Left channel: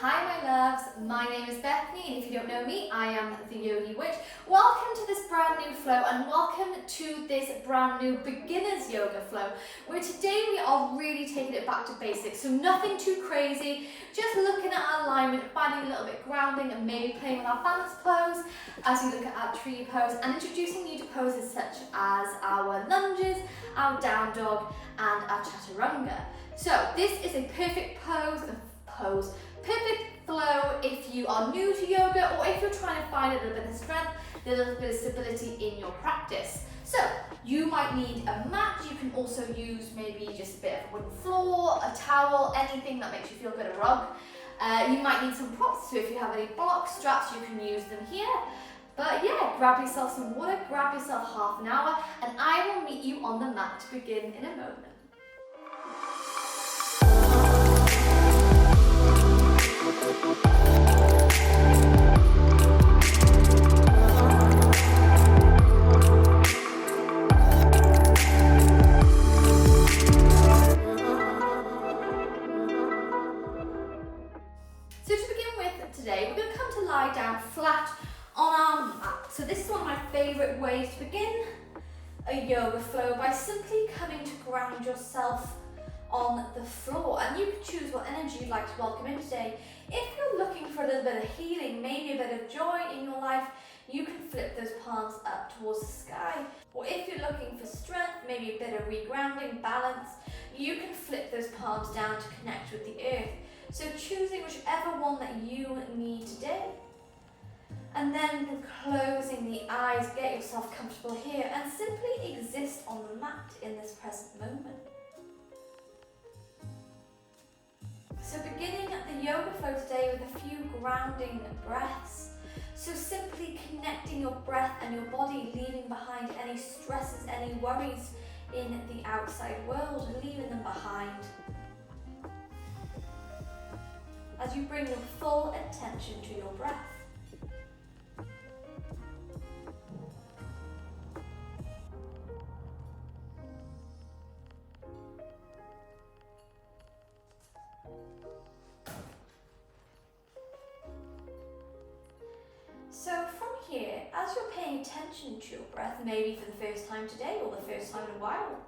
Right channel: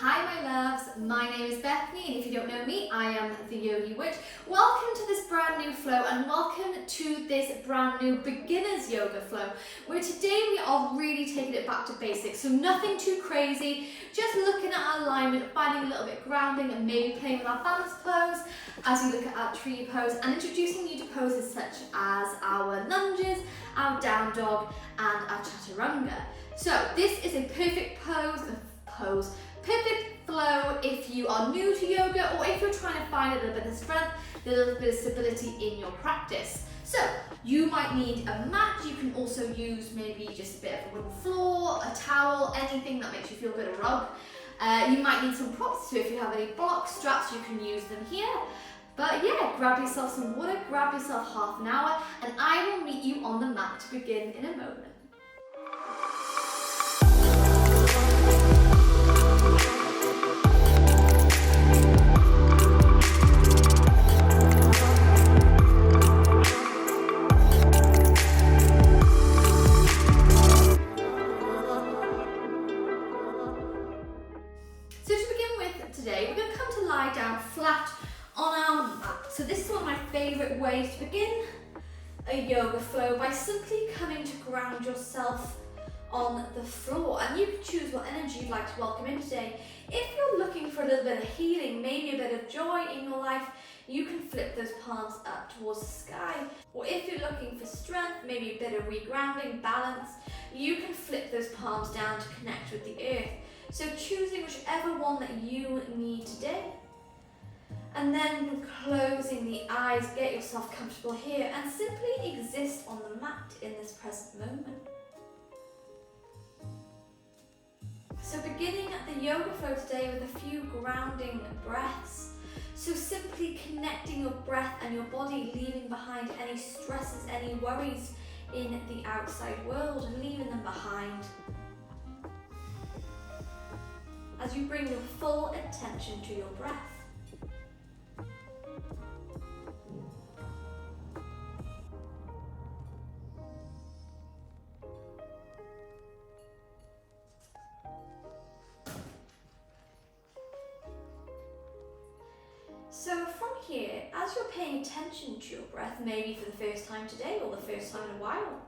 Hi my loves, my name is Bethany and if you don't know me, I am the Yogi Witch. Welcome to this brand new flow and welcome to this brand new beginner's yoga flow where today we are really taking it back to basics. So nothing too crazy, just looking at our alignment, finding a little bit of grounding and maybe playing with our balance pose as we look at our tree pose and introducing you to poses such as our lunges, our down dog and our chaturanga. So this is a perfect perfect flow if you are new to yoga or if you're trying to find a little bit of strength, a little bit of stability in your practice. So you might need a mat, you can also use maybe just a bit of a wooden floor, a towel, anything that makes you feel good, a rug. You might need some props, so if you have any blocks, straps, you can use them here. But yeah, grab yourself some water, grab yourself half an hour, and I will meet you on the mat to begin in a moment. So to begin with today, we're going to come to lie down flat on our mat. So this is one of my favourite ways to begin a yoga flow, by simply coming to ground yourself on the floor. And you can choose what energy you'd like to welcome in today. If you're looking for a little bit of healing, maybe a bit of joy in your life, you can flip those palms up towards the sky. Or if you're looking for strength, maybe a bit of regrounding, balance, you can flip those palms down to connect with the earth. So choosing whichever one that you need today. And then closing the eyes, get yourself comfortable here and simply exist on the mat in this present moment. So beginning the yoga flow today with a few grounding breaths. So simply connecting your breath and your body, leaving behind any stresses, any worries in the outside world, and leaving them behind. As you bring your full attention to your breath. So from here, as you're paying attention to your breath, maybe for the first time today or the first time in a while,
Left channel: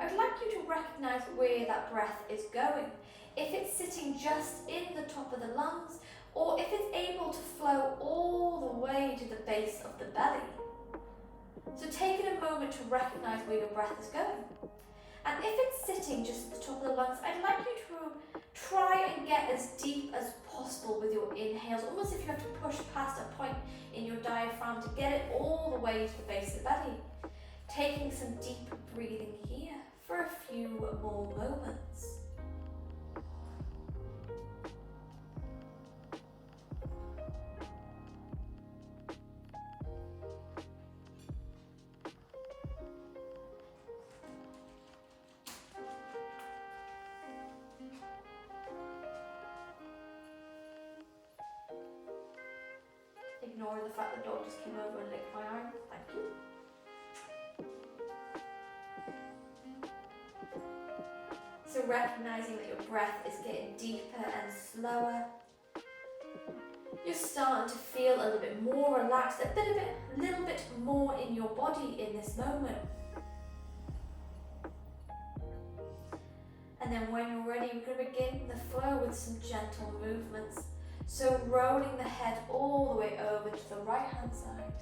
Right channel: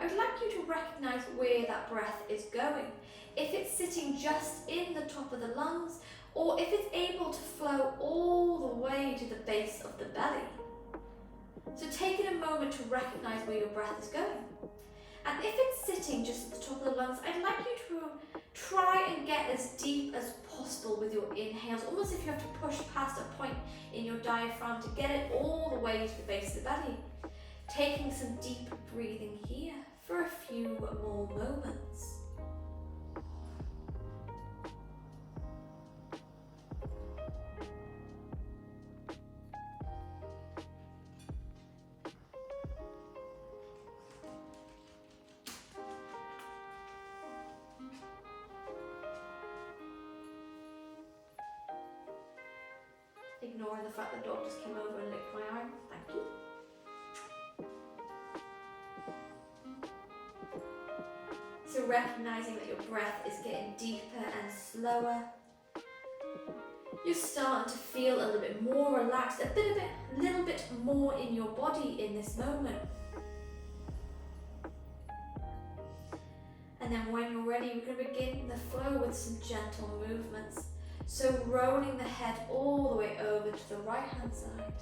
I would like you to recognize where that breath is going. If it's sitting just in the top of the lungs, or if it's able to flow all the way to the base of the belly. So taking a moment to recognize where your breath is going. And if it's sitting just at the top of the lungs, I'd like you to try and get as deep as possible with your inhales, almost if you have to push past a point in your diaphragm to get it all the way to the base of the belly. Taking some deep breathing here for a few more moments. Ignoring the fact the dog just came over and licked my arm. Thank you. So recognizing that your breath is getting deeper and slower. You're starting to feel a little bit more relaxed, a little bit more in your body in this moment. And then when you're ready, we're going to begin the flow with some gentle movements. So rolling the head all the way over to the right hand side.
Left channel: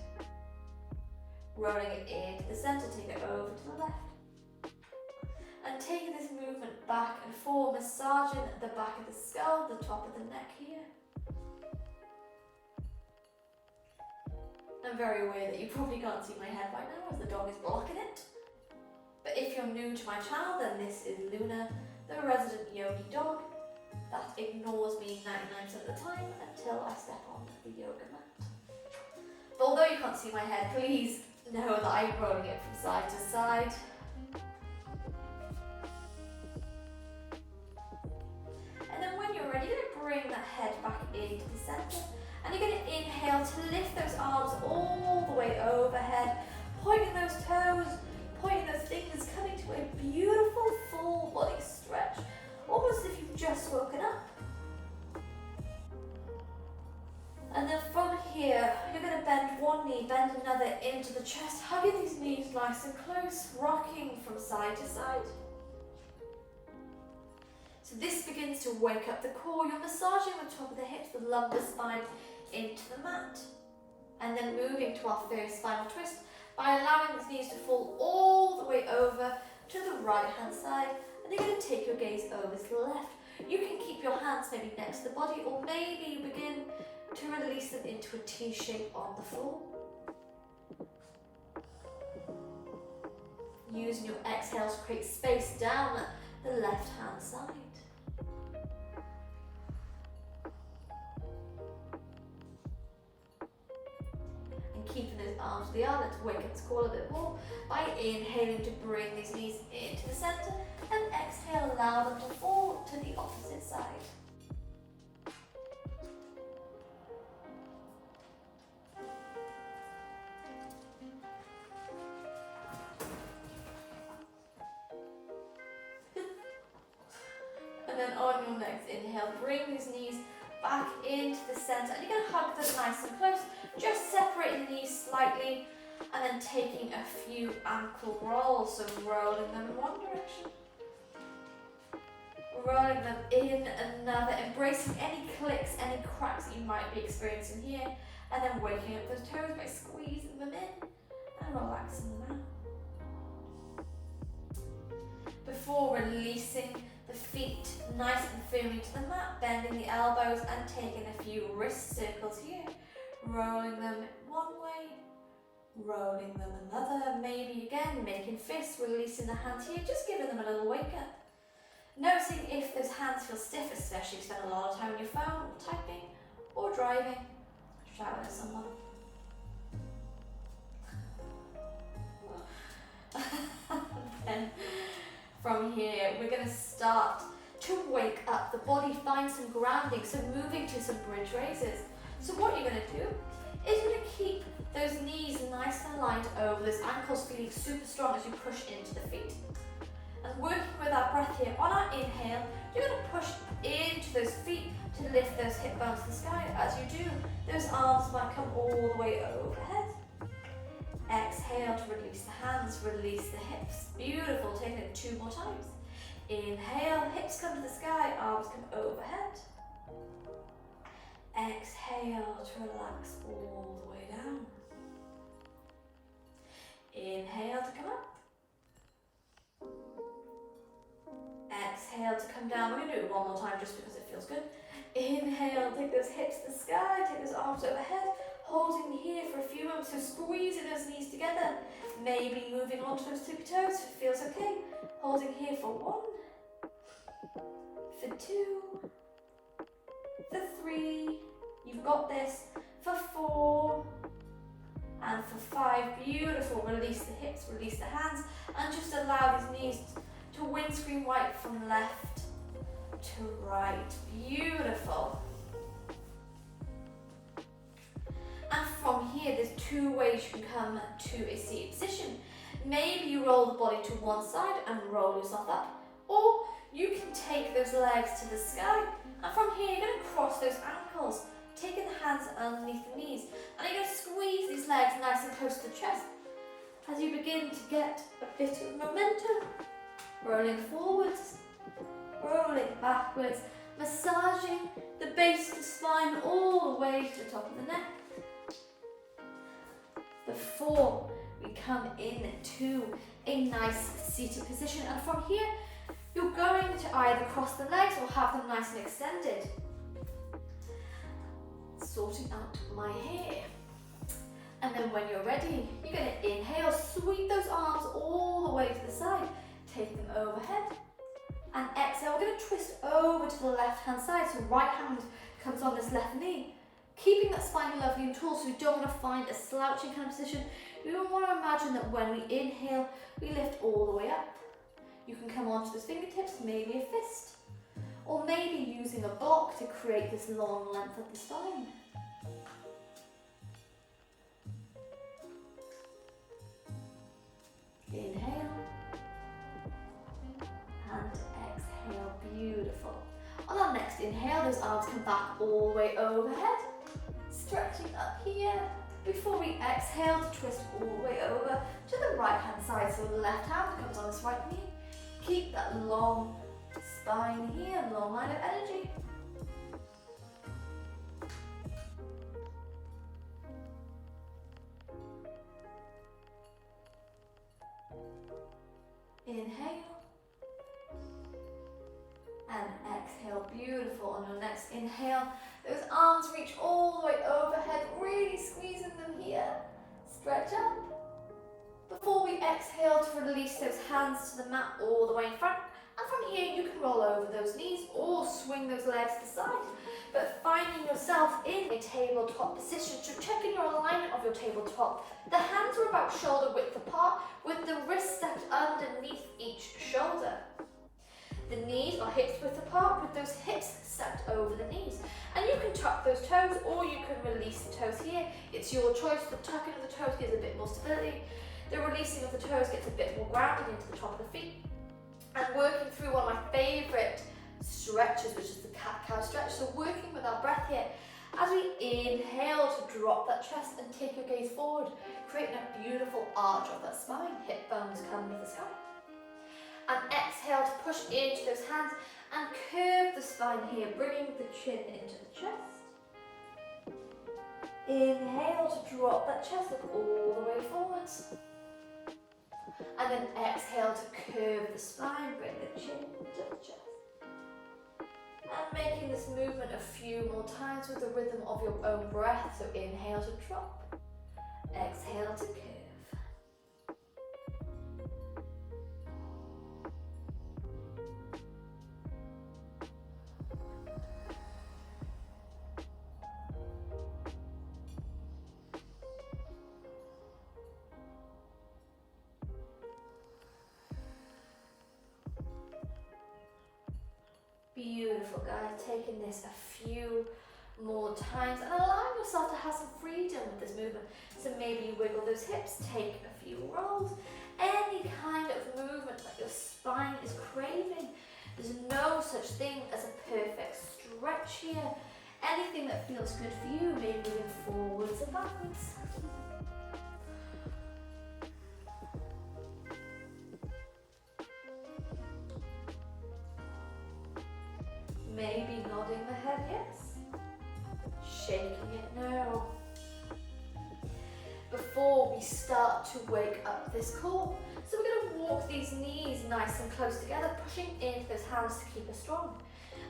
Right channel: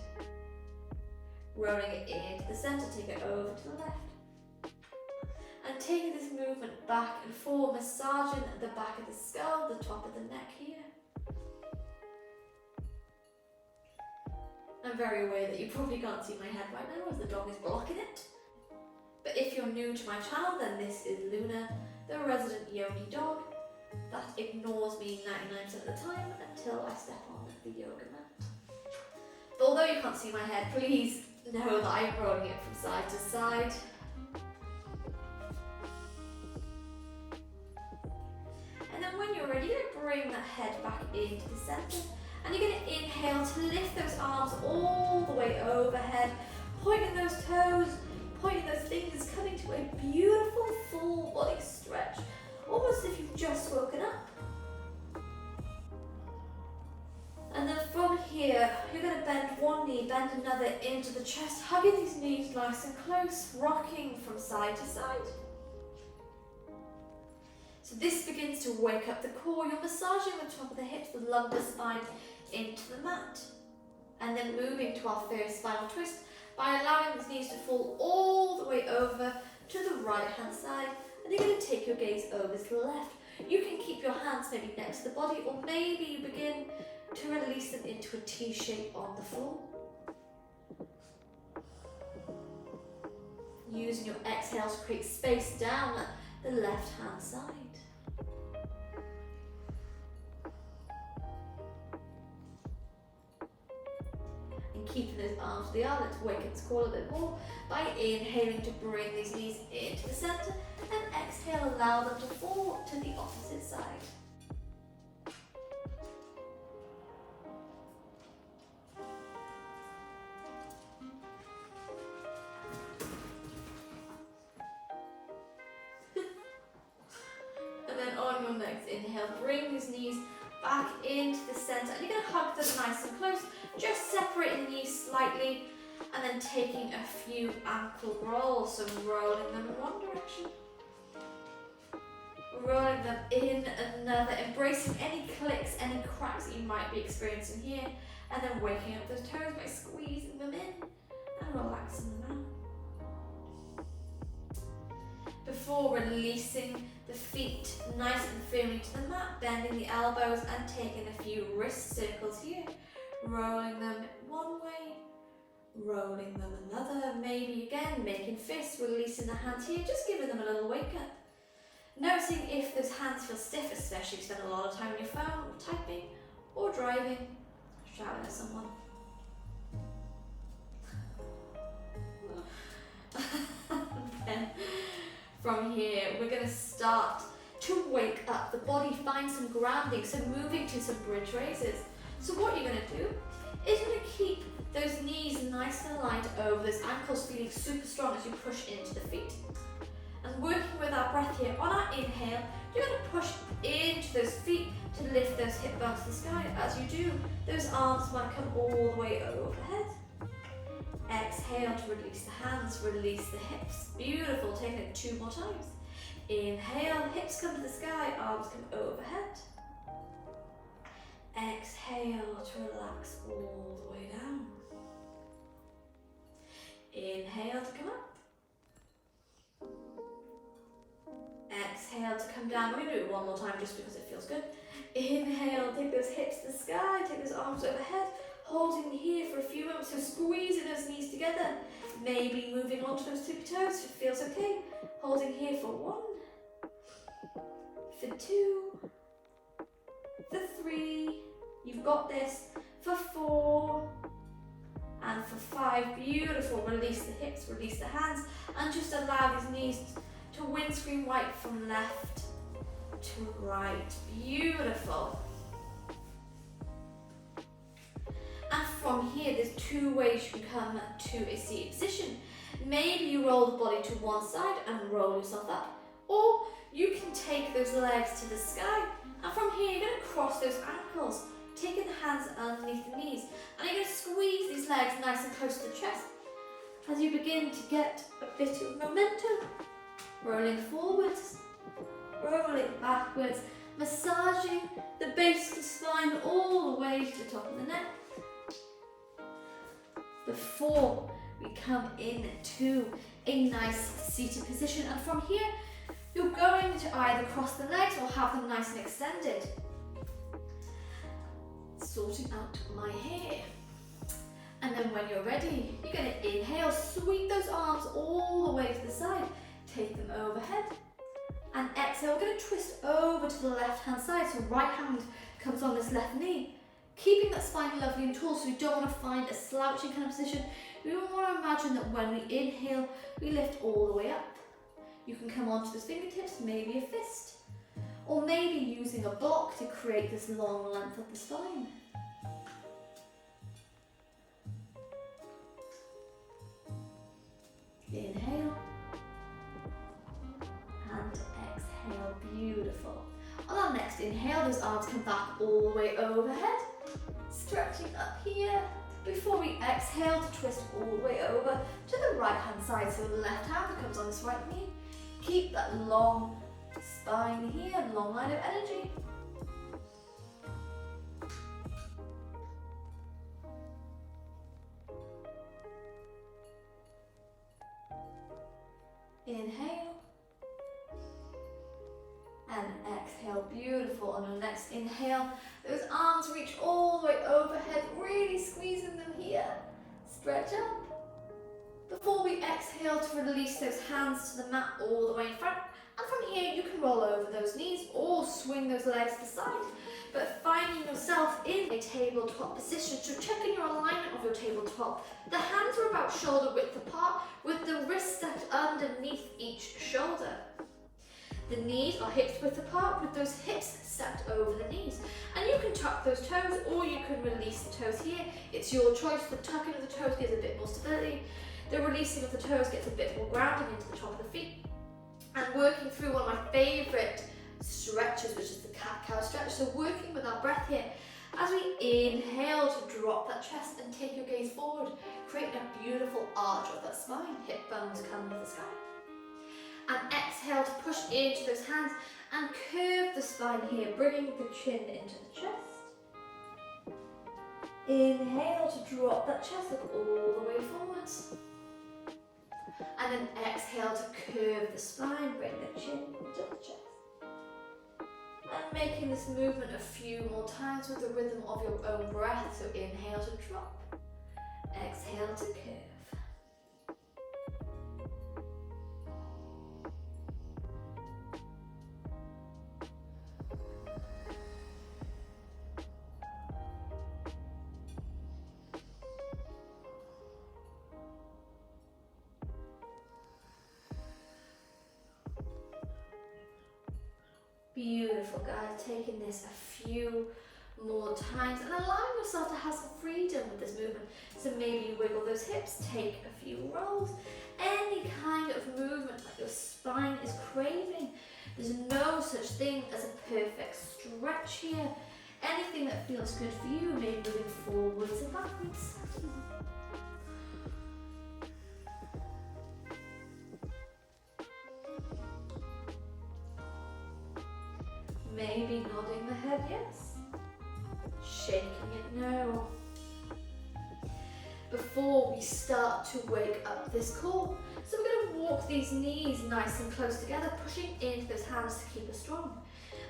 Rolling it into the center, take it over to the left. And taking this movement back and forth, massaging the back of the skull, the top of the neck here. I'm very aware that you probably can't see my head right now as the dog is blocking it. But if you're new to my channel, then this is Luna, the resident yogi dog that ignores me 99% of the time until I step on the yoga mat. But although you can't see my head, please know that I'm rolling it from side to side. And then when you're ready, you're going to bring that head back into the center. And you're going to inhale to lift those arms all the way overhead, pointing those toes, pointing those fingers, coming to a beautiful full body stretch, almost as if you've just woken up. And then from here, you're going to bend one knee, bend another into the chest, hugging these knees nice and close, rocking from side to side. So this begins to wake up the core. You're massaging the top of the hips, the lumbar spine into the mat. And then moving to our first final twist by allowing these knees to fall all the way over to the right hand side. And you're going to take your gaze over to the left. You can keep your hands maybe next to the body, or maybe you begin to release them into a T shape on the floor. Using your exhale to create space down the left hand side. And keeping those arms to the arm, let's wake up this core a bit more by inhaling to bring these knees into the center, and exhale, allow them to fall to the opposite side. And then on your next inhale, bring these knees back into the center, and you're going to hug them nice and close, just separating the knees slightly, and then taking a few ankle rolls, so rolling them in one direction, rolling them in another, embracing any clicks, any cracks that you might be experiencing here, and then waking up those toes by squeezing them in and relaxing them out. Before releasing the feet nice and firmly to the mat, bending the elbows and taking a few wrist circles here, rolling them one way, rolling them another, maybe again making fists, releasing the hands here, just giving them a little wake up. Noticing if those hands feel stiff, especially if you spend a lot of time on your phone, typing or driving, shouting at someone. Then from here, we're going to start to wake up the body, find some grounding, so moving to some bridge raises. So what you're going to do is you're going to keep those knees nice and aligned over those ankles, feeling super strong as you push into the feet. And working with our breath here, on our inhale, you're going to push into those feet to lift those hip bones to the sky. As you do, those arms might come all the way overhead. Exhale to release the hands, release the hips. Beautiful, taking it 2 more times. Inhale, hips come to the sky, arms come overhead. Exhale to relax all the way down. Inhale to come up. Exhale to come down. We're going to do it one more time just because it feels good. Inhale, take those hips to the sky, take those arms overhead, holding here for a few moments, so squeezing those knees together, maybe moving onto those tippy toes if it feels okay. Holding here for 1, for 2, for 3, you've got this, for 4, and for 5. Beautiful. Release the hips, release the hands, and just allow these knees to windscreen wipe from left to right. Beautiful. And from here, there's 2 ways you can come to a seated position. Maybe you roll the body to one side and roll yourself up, or you can take those legs to the sky, and from here you're going to cross those ankles, taking the hands underneath the knees, and you're going to squeeze these legs nice and close to the chest as you begin to get a bit of momentum. Rolling forwards, rolling backwards, massaging the base of the spine all the way to the top of the neck. Before we come into a nice seated position, and from here you're going to either cross the legs or have them nice and extended. Sorting out my hair. And then when you're ready, you're going to inhale, sweep those arms all the way to the side, take them overhead, and exhale. We're going to twist over to the left hand side, so right hand comes on this left knee, keeping that spine lovely and tall, so we don't want to find a slouching kind of position. We want to imagine that when we inhale, we lift all the way up. You can come onto those fingertips, maybe a fist, or maybe using a block to create this long length of the spine. Inhale and exhale. Beautiful. On our next next inhale, those arms come back all the way overhead. Stretching up here. Before we exhale to twist all the way over to the right hand side. So the left hand comes on this right knee. Keep that long spine here, long line of energy. Inhale. And exhale, beautiful. On your next inhale, those arms reach all the way overhead, really squeezing them here. Stretch up. Before we exhale to release those hands to the mat all the way in front. And from here, you can roll over those knees or swing those legs to the side. But finding yourself in a tabletop position, so checking your alignment of your tabletop. The hands are about shoulder width apart with the wrists stacked underneath each shoulder. The knees are hips width apart with those hips stacked over the knees. And you can tuck those toes or you can release the toes here. It's your choice. The tucking of the toes gives a bit more stability. The releasing of the toes gets a bit more grounding into the top of the feet. And working through one of my favourite stretches, which is the cat-cow stretch. So working with our breath here. As we inhale to drop that chest and take your gaze forward, creating a beautiful arch of that spine. Hip bones come to the sky. And exhale to push into those hands and curve the spine here, bringing the chin into the chest. Inhale to drop that chest, look all the way forwards. And then exhale to curve the spine, bring the chin into the chest. And making this movement a few more times with the rhythm of your own breath. So inhale to drop, exhale to curve. Beautiful, guys. Taking this a few more times and allowing yourself to have some freedom with this movement. So maybe you wiggle those hips, take a few rolls, any kind of movement that your spine is craving. There's no such thing as a perfect stretch here. Anything that feels good for you, maybe moving forwards and backwards. Maybe nodding the head, yes. Shaking it no. Before we start to wake up this core, so we're going to walk these knees nice and close together, pushing into those hands to keep us strong.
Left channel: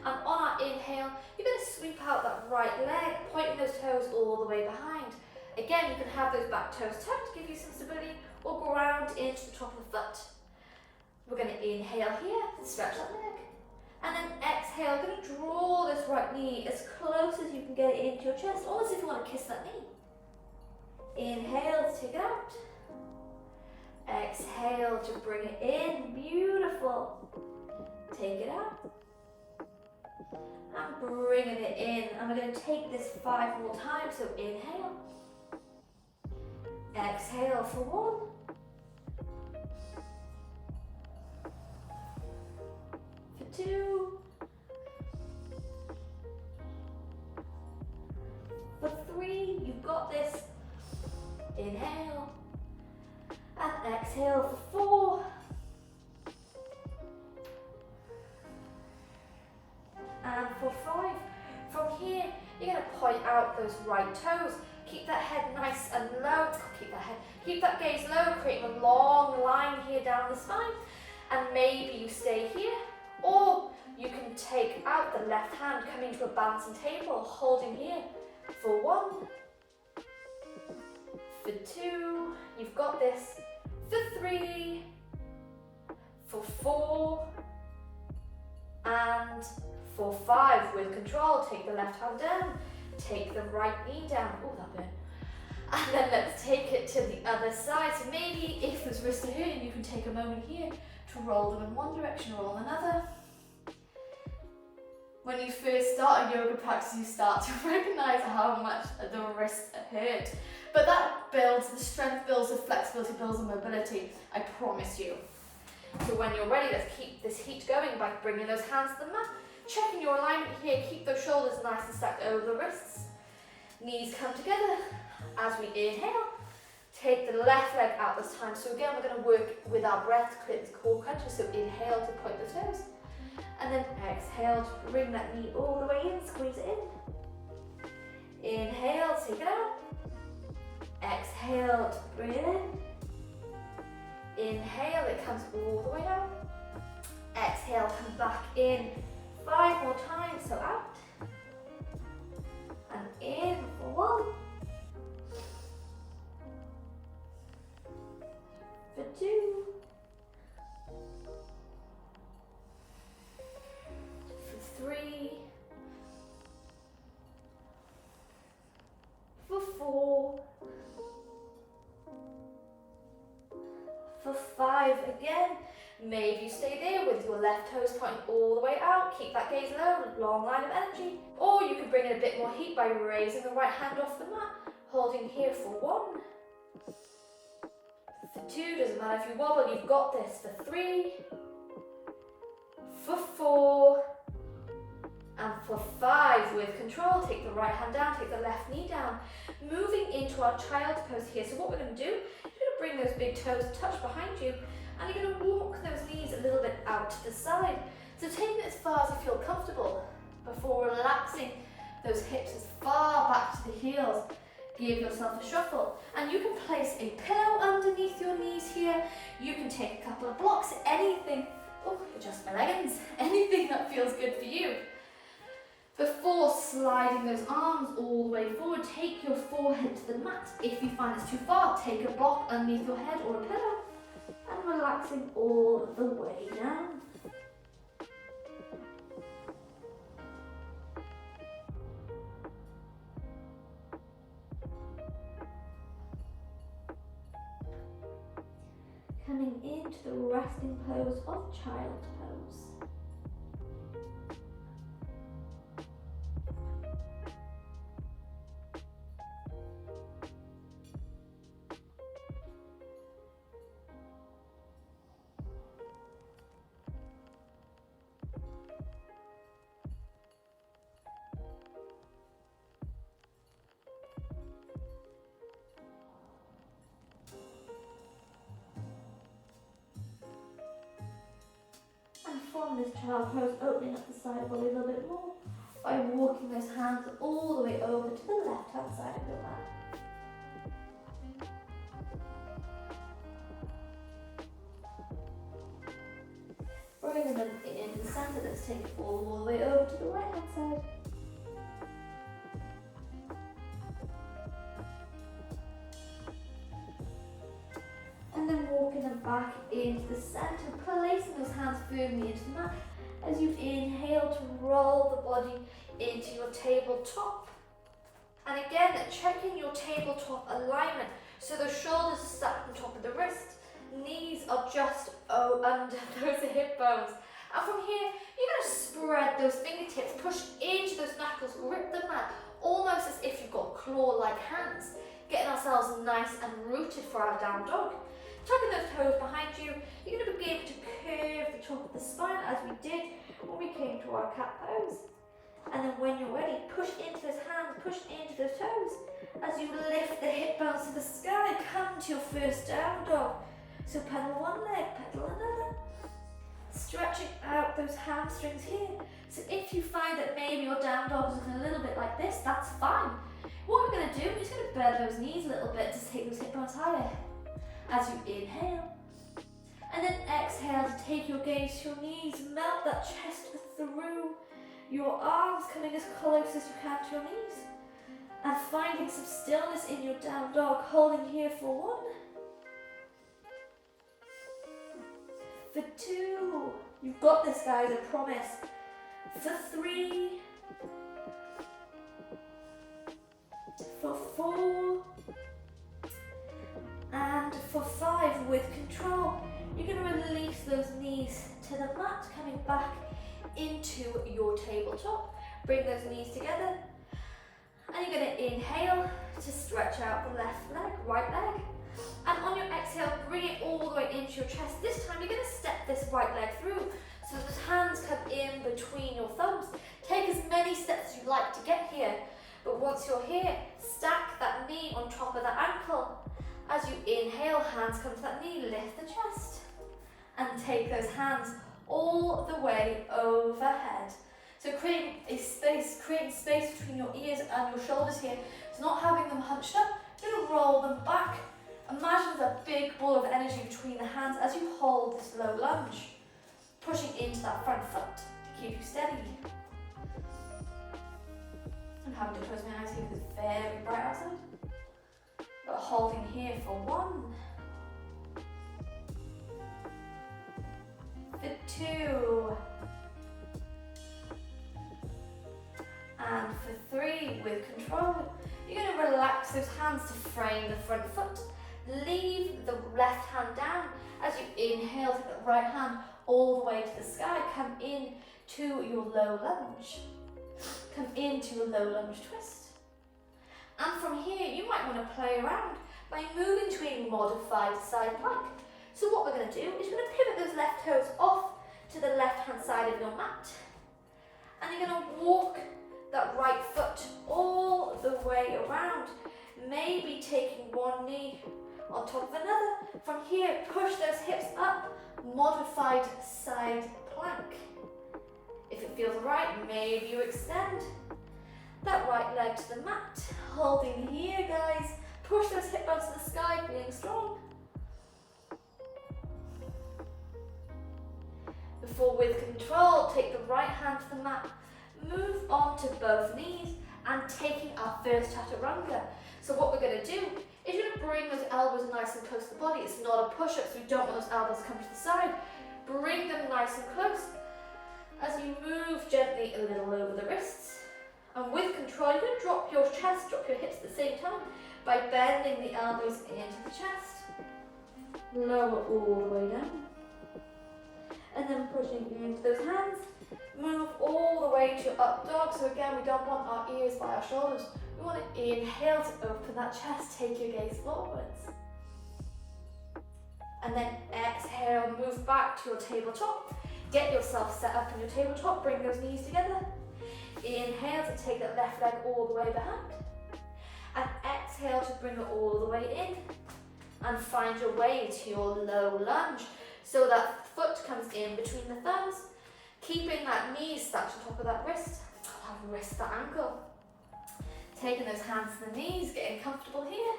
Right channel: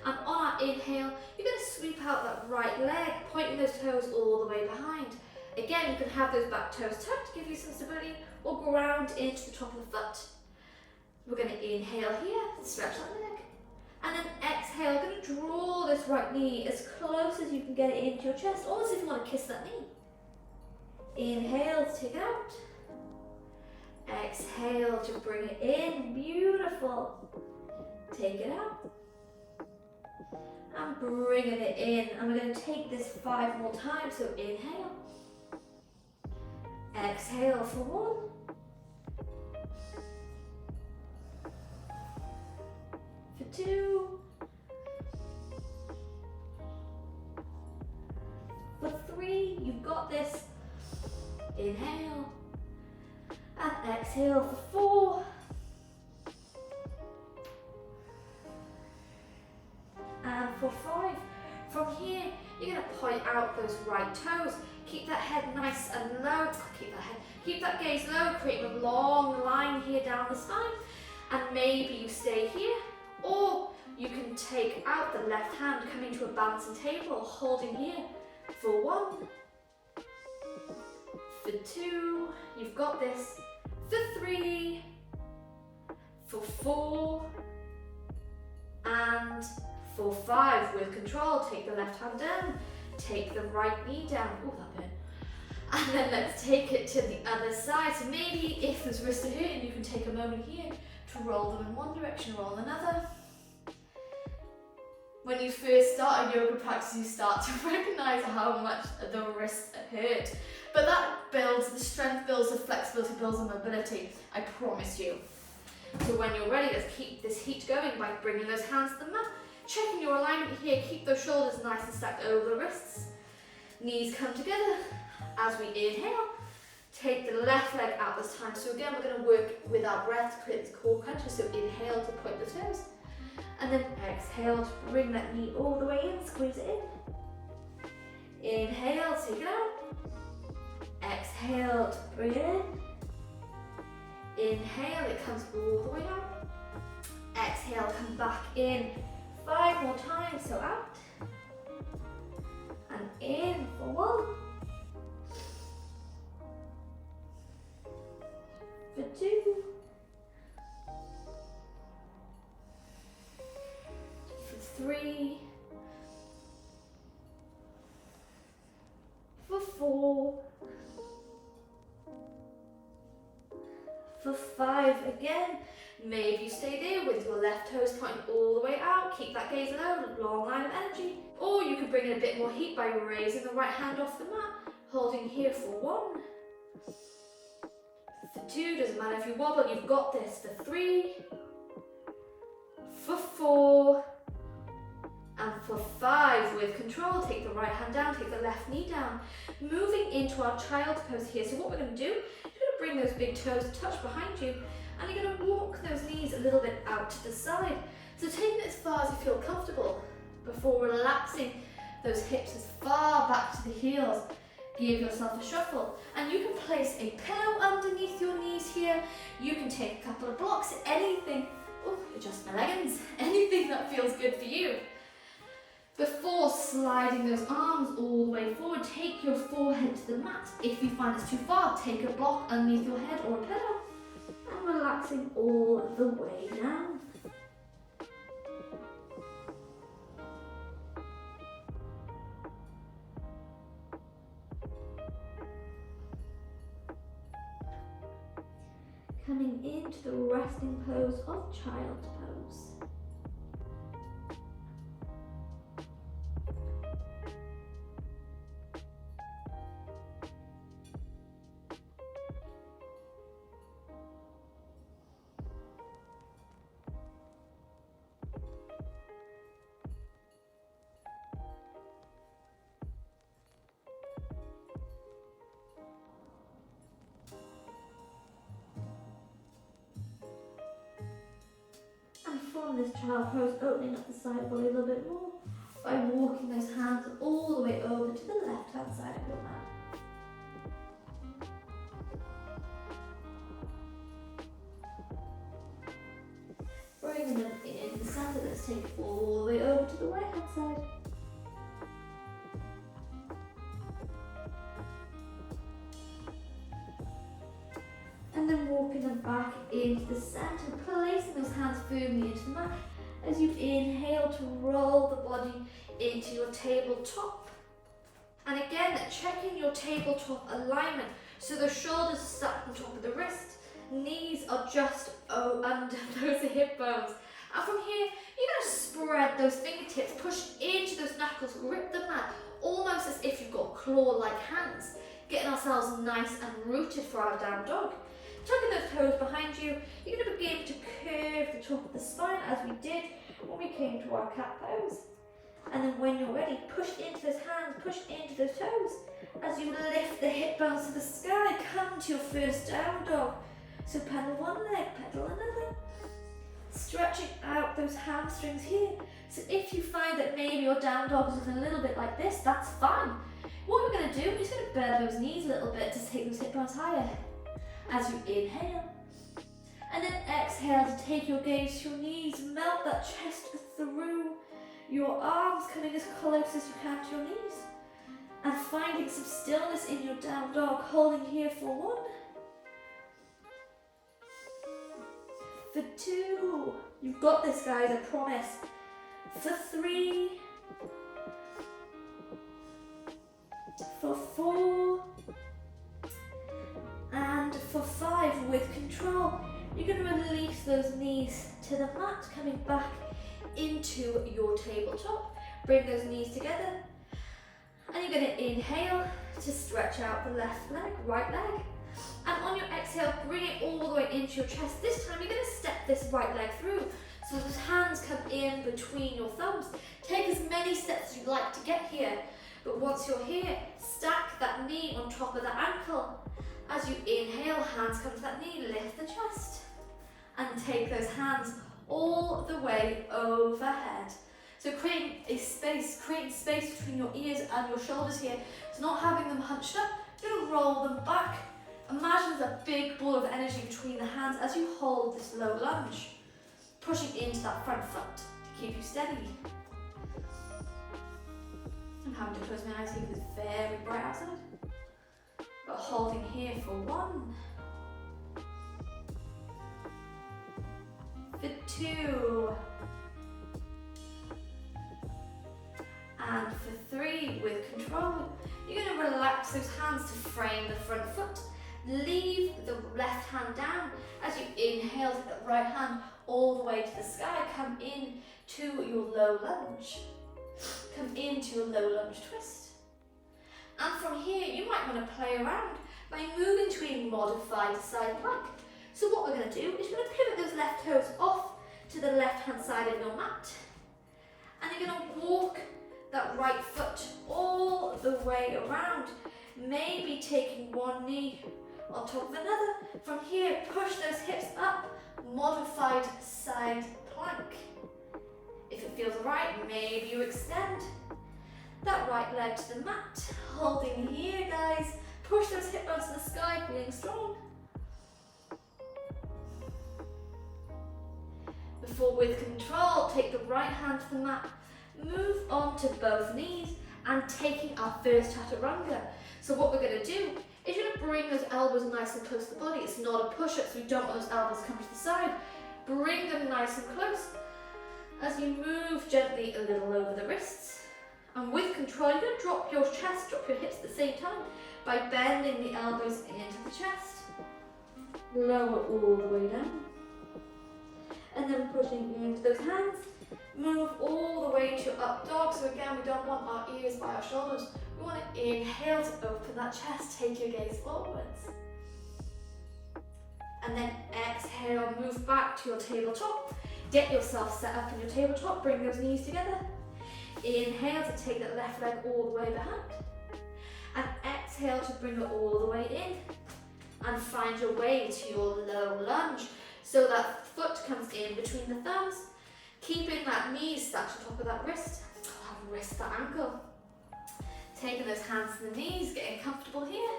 And on our inhale, you're going to sweep out that right leg, pointing those toes all the way behind. Again, you can have those back toes tucked to give you some stability, or ground into the top of the foot. We're going to inhale here, stretch that leg. And then exhale, going to draw this right knee as close as you can get it into your chest, almost if you want to kiss that knee. Inhale to take it out. Exhale to bring it in, beautiful. Take it out. And bringing it in. And we're going to take this 5 more times, so inhale. Exhale for 1. For 2. For 3, you've got this. Inhale. And exhale for 4. And for 5. From here, you're going to point out those right toes. Keep that head nice and low. Keep that gaze low, creating a long line here down the spine. And maybe you stay here, or you can take out the left hand, coming to a balancing table, holding here for 1. For 2, you've got this. For 3, for 4, and for 5. With control, take the left hand down, take the right knee down. Oh, that bit. And then let's take it to the other side. So maybe if those wrists are here, you can take a moment here to roll them in one direction, roll another. When you first start a yoga practice, you start to recognize how much the wrists hurt. But that builds, the strength builds, the flexibility builds, the mobility, I promise you. So when you're ready, let's keep this heat going by bringing those hands to the mat, checking your alignment here, keep those shoulders nice and stacked over the wrists. Knees come together. As we inhale, take the left leg out this time. So again, we're going to work with our breath to create this core cruncher. So inhale to point the toes. And then exhale to bring that knee all the way in, squeeze it in. Inhale, take it out. Exhale to bring it in. Inhale, it comes all the way down. Exhale, come back in. 5 more times, so out. And in for 1. For 2. For 3. For 4. For 5 again. Maybe you stay there with your left toes pointing all the way out. Keep that gaze low, long line of energy. Or you can bring in a bit more heat by raising the right hand off the mat, holding here for 1. For 2, doesn't matter if you wobble, you've got this. For 3. For 4. And for 5, with control, take the right hand down, take the left knee down. Moving into our child's pose here. So what we're going to do, you're going to bring those big toes touch behind you, and you're going to walk those knees a little bit out to the side. So taking it as far as you feel comfortable before relaxing those hips as far back to the heels. Give yourself a shuffle, and you can place a pillow underneath your knees here. You can take a couple of blocks, anything, adjust my leggings, anything that feels good for you. Before sliding those arms all the way forward, take your forehead to the mat. If you find it's too far, take a block underneath your head or a pillow, and relaxing all the way down. Coming into the resting pose of child's pose. From this child pose, opening up the side body a little bit more by walking those hands all the way over to the left hand side of your mat. Bringing them in the center, let's take it all the way over to the right hand side. And then walking them back into the center, placing those hands firmly into the mat as you inhale to roll the body into your tabletop. And again, checking your tabletop alignment. So the shoulders are sat on top of the wrist, knees are just under those hip bones. And from here, you're going to spread those fingertips, push into those knuckles, grip the mat, almost as if you've got claw-like hands, getting ourselves nice and rooted for our down dog. Tucking those toes behind you, you're going to begin to curve the top of the spine as we did when we came to our cat pose. And then when you're ready, push into those hands, push into those toes. As you lift the hip bones to the sky, come to your first down dog. So pedal one leg, pedal another. Stretching out those hamstrings here. So if you find that maybe your down dog is looking a little bit like this, that's fine. What we're going to do, we're just going to bend those knees a little bit to take those hip bones higher. As you inhale, and then exhale to take your gaze to your knees, melt that chest through your arms, coming as close as you can to your knees, and finding some stillness in your down dog, holding here for 1, for 2, you've got this guys, I promise, for 3, for 4, and for 5, with control, you're going to release those knees to the mat, coming back into your tabletop. Bring those knees together, and you're going to inhale to stretch out the left leg, right leg. And on your exhale, bring it all the way into your chest. This time, you're going to step this right leg through. So those hands come in between your thumbs. Take as many steps as you'd like to get here. But once you're here, stack that knee on top of that ankle. As you inhale, hands come to that knee, lift the chest. And take those hands all the way overhead. So creating space between your ears and your shoulders here. So not having them hunched up, you're going to roll them back. Imagine there's a big ball of energy between the hands as you hold this low lunge. Pushing into that front foot to keep you steady. I'm having to close my eyes here because it's very bright outside. But holding here for 1, for 2, and for 3, with control. You're going to relax those hands to frame the front foot. Leave the left hand down as you inhale to the right hand all the way to the sky. Come in to your low lunge. Come into your low lunge twist. And from here, you might want to play around by moving to a modified side plank. So what we're going to do is we're going to pivot those left toes off to the left hand side of your mat. And you're going to walk that right foot all the way around. Maybe taking one knee on top of another. From here, push those hips up, modified side plank. If it feels right, maybe you extend that right leg to the mat. Holding here, guys. Push those hip bones to the sky, feeling strong. Before, with control, take the right hand to the mat. Move on to both knees and taking our first chaturanga. So what we're going to do is you're going to bring those elbows nice and close to the body. It's not a push-up, so we don't want those elbows coming to the side. Bring them nice and close as you move gently a little over the wrists. And with control, you're going to drop your chest, drop your hips at the same time by bending the elbows into the chest. Lower all the way down. And then pushing into those hands. Move all the way to up dog. So again, we don't want our ears by our shoulders. We want to inhale to open that chest. Take your gaze forwards. And then exhale, move back to your tabletop. Get yourself set up in your tabletop. Bring those knees together. Inhale to take that left leg all the way behind. And exhale to bring it all the way in. And find your way to your low lunge. So that foot comes in between the thumbs. Keeping that knee stacked on top of that wrist. I'll have a wrist, that ankle. Taking those hands to the knees, getting comfortable here.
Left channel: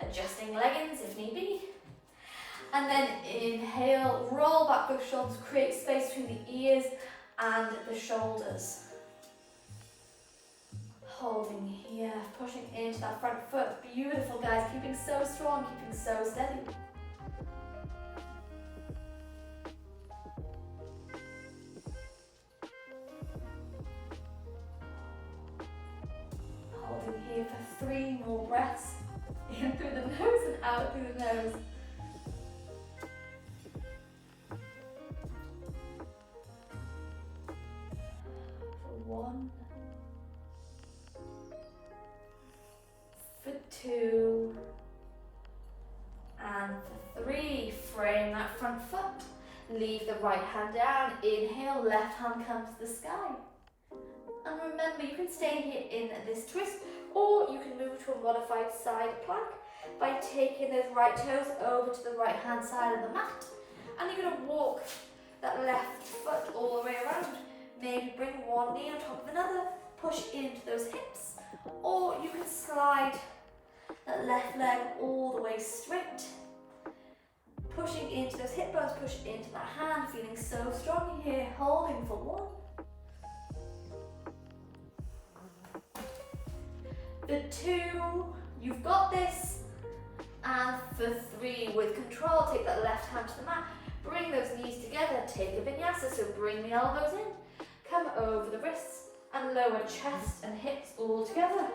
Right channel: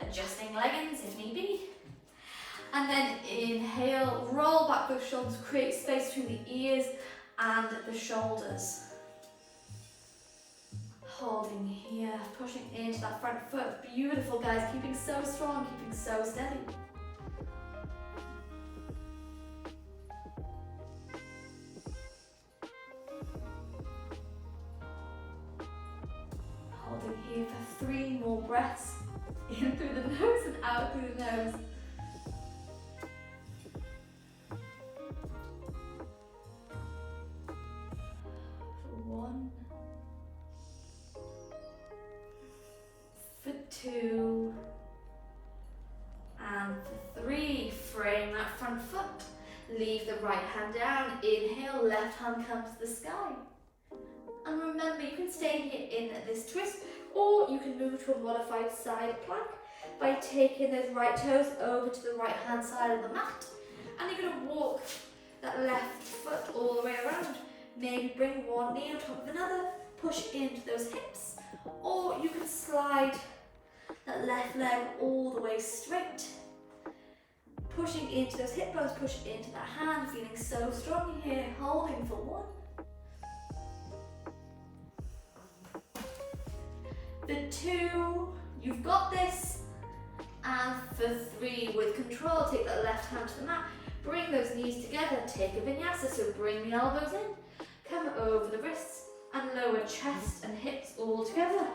Adjusting leggings if need be. And then inhale, roll back those shoulders, create space between the ears and the shoulders. Holding here, pushing into that front foot. Beautiful, guys, keeping so strong, keeping so steady. Holding here for 3 more breaths. In through the nose and out through the nose. For 1. For 2. And for 3. Frame that front foot. Leave the right hand down. Inhale, left hand comes to the sky. And remember, you can stay here in this twist, or you can move to a modified side plank by taking those right toes over to the right hand side of the mat. And you're going to walk that left foot all the way around. Maybe bring one knee on top of another, push into those hips, or you can slide that left leg all the way straight. Pushing into those hip bones, push into that hand, feeling so strong here, holding for 1. For 2, you've got this. And for 3, with control, take that left hand to the mat, bring those knees together, take a vinyasa, so bring the elbows in, come over the wrists, and lower chest and hips all together.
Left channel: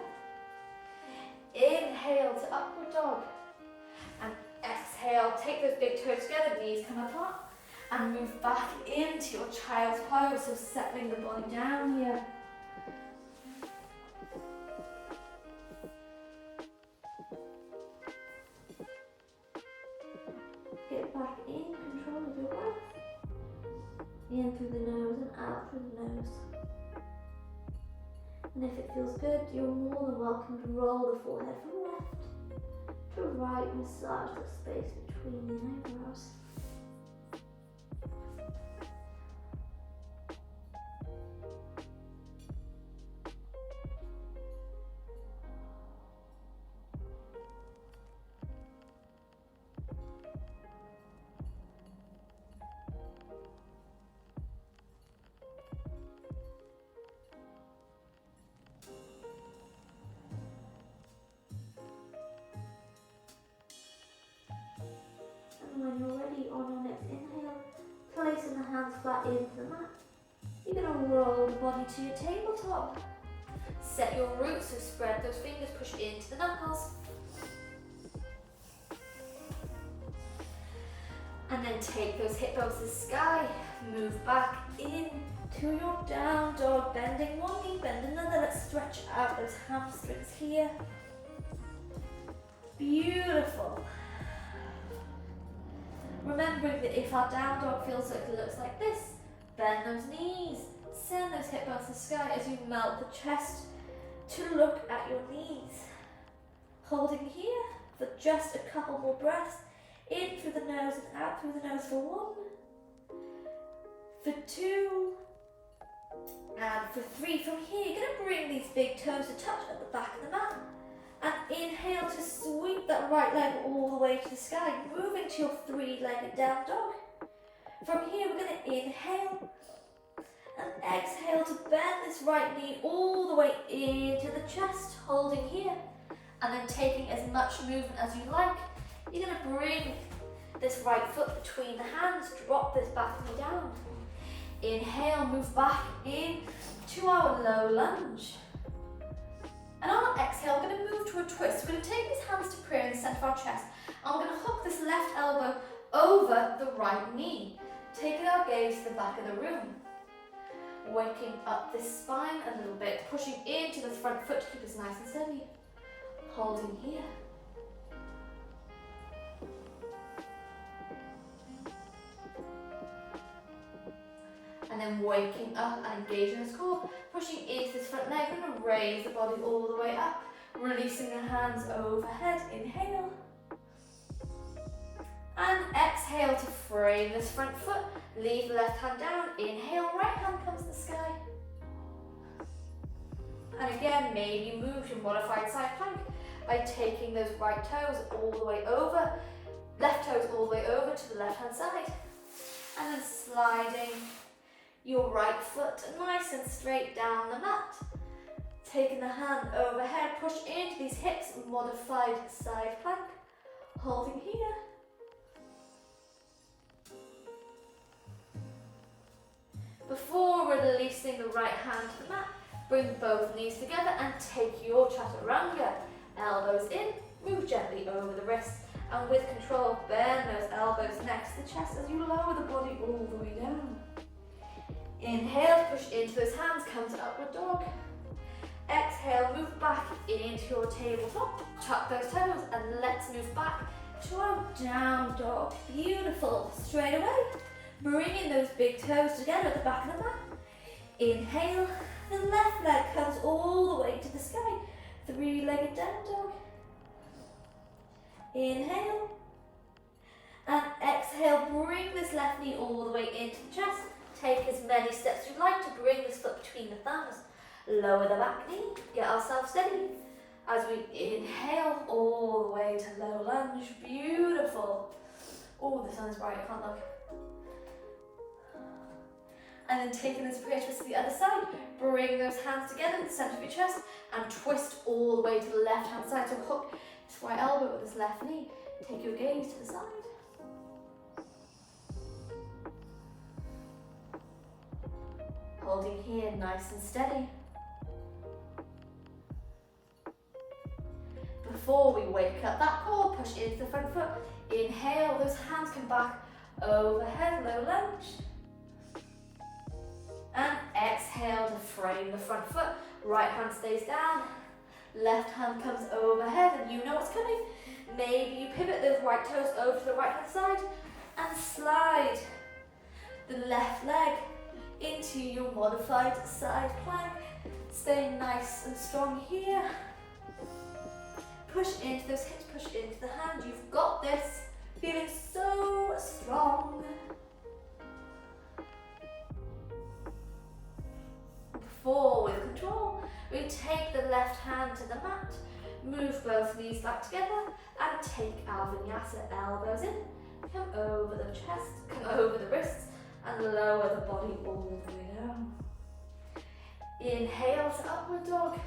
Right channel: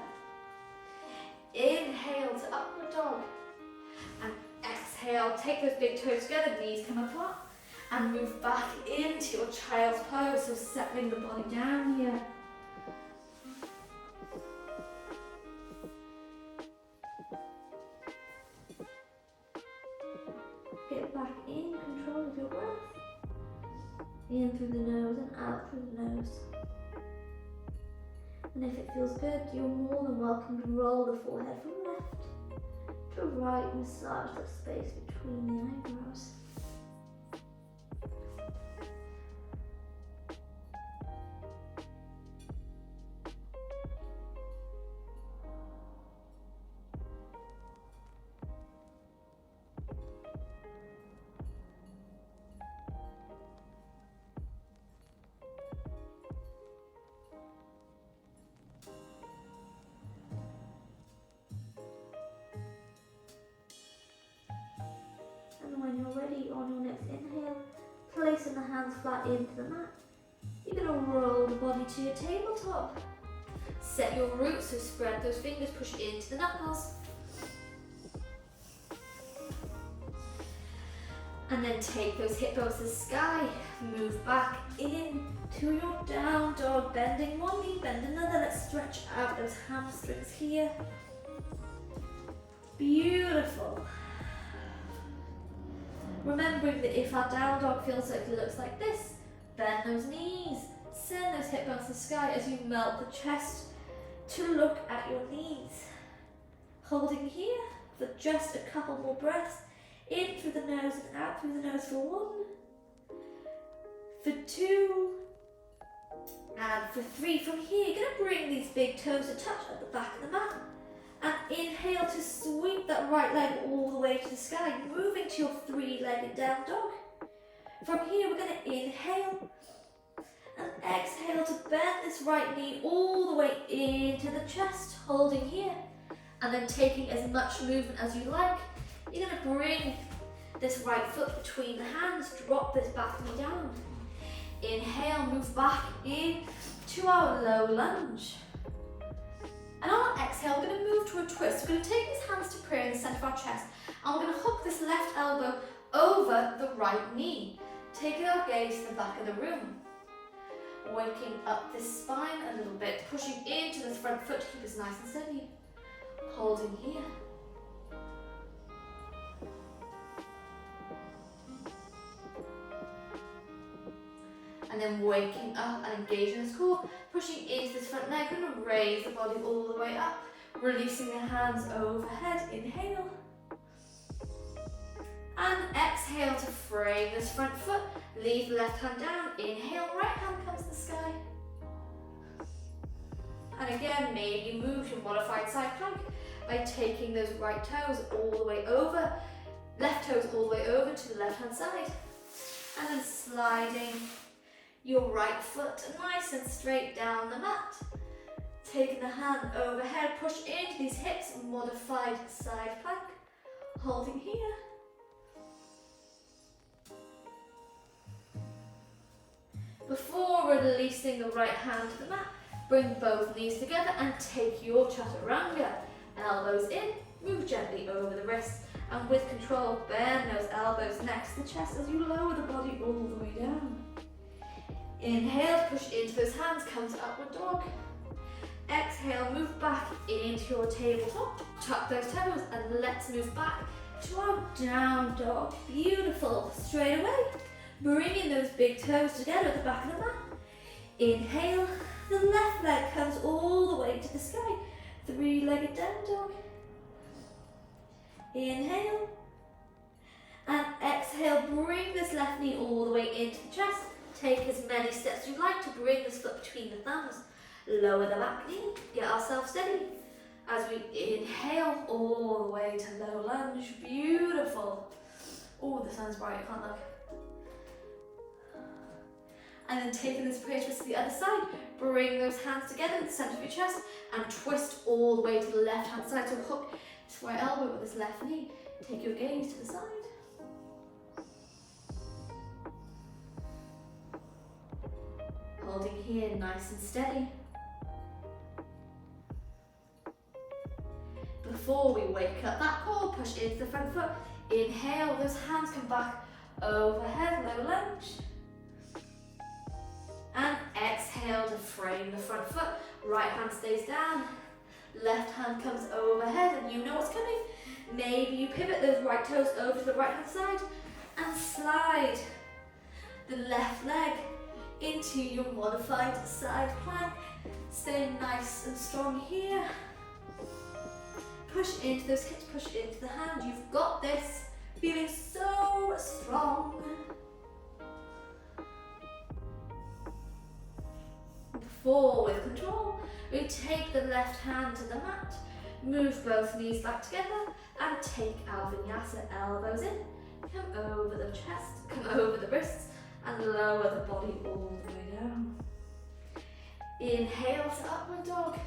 Inhale to upward dog, and exhale, take those big toes together, knees come apart, and move back into your child's pose, so settling the body down here. Get back in control of your breath. in through the nose and out through the nose. And if it feels good, you're more than welcome to roll the forehead from left to right, massage the space between the eyebrows. And when you're ready, on your next inhale, placing the hands flat into the mat, you're going to roll the body to your tabletop. Set your roots, so spread those fingers, push into the knuckles. And then take those hip bones to the sky, move back into your down dog, bending one knee, bend another. Let's stretch out those hamstrings here. Beautiful. Remembering that if our down dog feels like it looks like this, bend those knees, send those hip bones to the sky as you melt the chest to look at your knees. Holding here for just a couple more breaths, in through the nose and out through the nose for 1, for 2, and for 3. From here, you're going to bring these big toes to touch at the back of the mat. And inhale to sweep that right leg all the way to the sky, moving to your 3-legged down dog. From here, we're going to inhale and exhale to bend this right knee all the way into the chest, holding here. And then taking as much movement as you like, you're going to bring this right foot between the hands, drop this back knee down. Inhale, move back in to our low lunge. And on our exhale, we're going to move to a twist. We're going to take these hands to prayer in the center of our chest. And we're going to hook this left elbow over the right knee, taking our gaze to the back of the room. Waking up this spine a little bit, pushing into this front foot to keep us nice and steady. Holding here. And then waking up and engaging this core, pushing into this front leg. We're going to raise the body all the way up, releasing the hands overhead. Inhale. And exhale to frame this front foot. Leave the left hand down. Inhale, right hand comes to the sky. And again, maybe move to modified side plank by taking those right toes all the way over, left toes all the way over to the left hand side. And then sliding your right foot nice and straight down the mat. Taking the hand overhead, push into these hips, modified side plank. Holding here. Before releasing the right hand to the mat, bring both knees together and take your chaturanga. Elbows in, move gently over the wrists, and with control, bend those elbows next to the chest as you lower the body all the way down. Inhale, push into those hands, come to upward dog. Exhale, move back into your tabletop. Tuck those toes and let's move back to our down dog. Beautiful. Straight away, bringing those big toes together at the back of the mat. Inhale, the left leg comes all the way to the sky. 3-legged down dog. Inhale. And exhale, bring this left knee all the way into the chest. Take as many steps you like to bring this foot between the thumbs. Lower the back knee, get ourselves steady. As we inhale all the way to low lunge, beautiful. Oh, the sun's bright, I can't look. And then taking this prayer twist to the other side, bring those hands together in the center of your chest and twist all the way to the left hand side. So hook this right elbow with this left knee. Take your gaze to the side. Holding here nice and steady. Before we wake up that core, push into the front foot. Inhale, those hands come back overhead, low lunge. And exhale to frame the front foot. Right hand stays down. Left hand comes overhead and you know what's coming. Maybe you pivot those right toes over to the right hand side and slide the left leg into your modified side plank. Stay nice and strong here. Push into those hips, push into the hand. You've got this. Feeling so strong. Before, with control, we take the left hand to the mat, move both knees back together, and take our vinyasa. Elbows in, come over the chest, come over the wrists, and lower the body all the way down. Inhale to upward dog.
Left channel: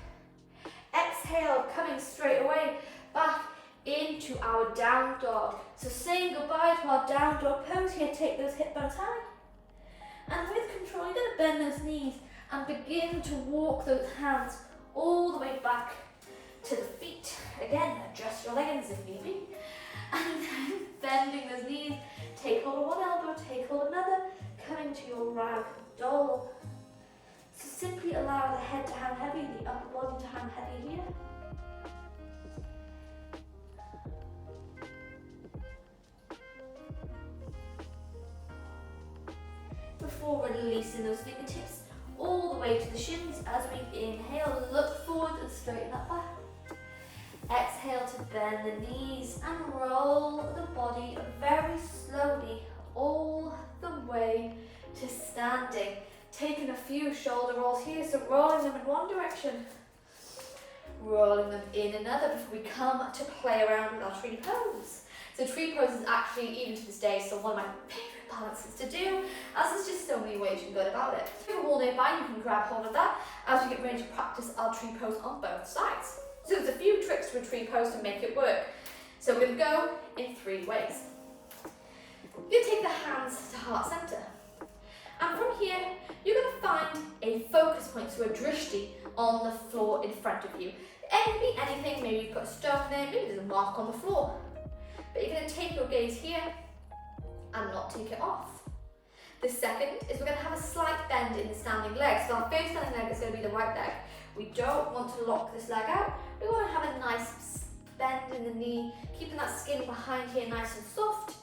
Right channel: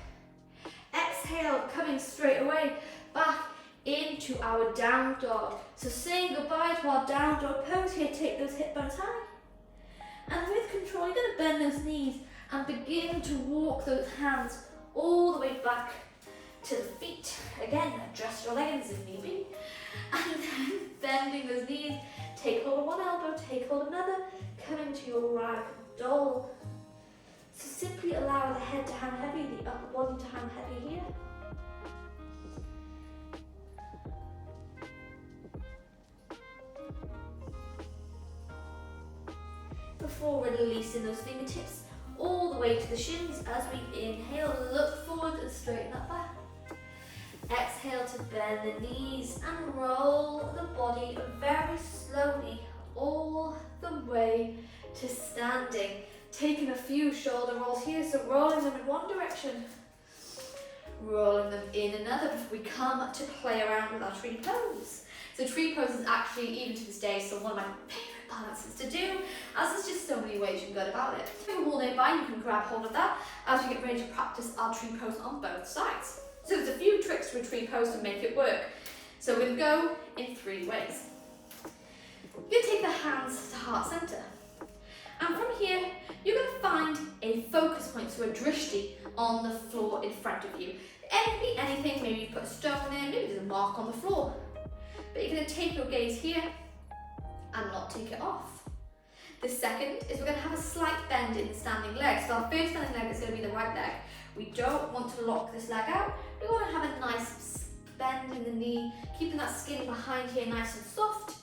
Exhale, coming straight away back into our down dog. So saying goodbye to our down dog pose here. Take those hip bones high. And with control, you're going to bend those knees and begin to walk those hands all the way back to the feet. Again, adjust your leggings if need be. And then bending those knees, take hold of one elbow, take hold of another, coming to your rag doll. So simply allow the head to hang heavy, the upper body to hang heavy here. Before releasing those fingertips all the way to the shins as we inhale, look forward and straighten that back. Exhale to bend the knees and roll the body very slowly all the way to standing. Taking a few shoulder rolls here, so rolling them in one direction, rolling them in another before we come to play around with our tree pose. So tree pose is actually, even to this day, still one of my favourite balances to do, as there's just so many ways you can go about it. If you have a wall nearby, you can grab hold of that as we get ready to practice our tree pose on both sides. So there's a few tricks to a tree pose to make it work. So we're going to go in 3 ways. You're going to take the hands to heart centre. And from here, you're going to find a focus point, so a drishti, on the floor in front of you. It can be anything, maybe you put a stone there, maybe there's a mark on the floor. But you're going to take your gaze here and not take it off. The second is we're going to have a slight bend in the standing leg. So our first standing leg is going to be the right leg. We don't want to lock this leg out. We want to have a nice bend in the knee, keeping that skin behind here nice and soft,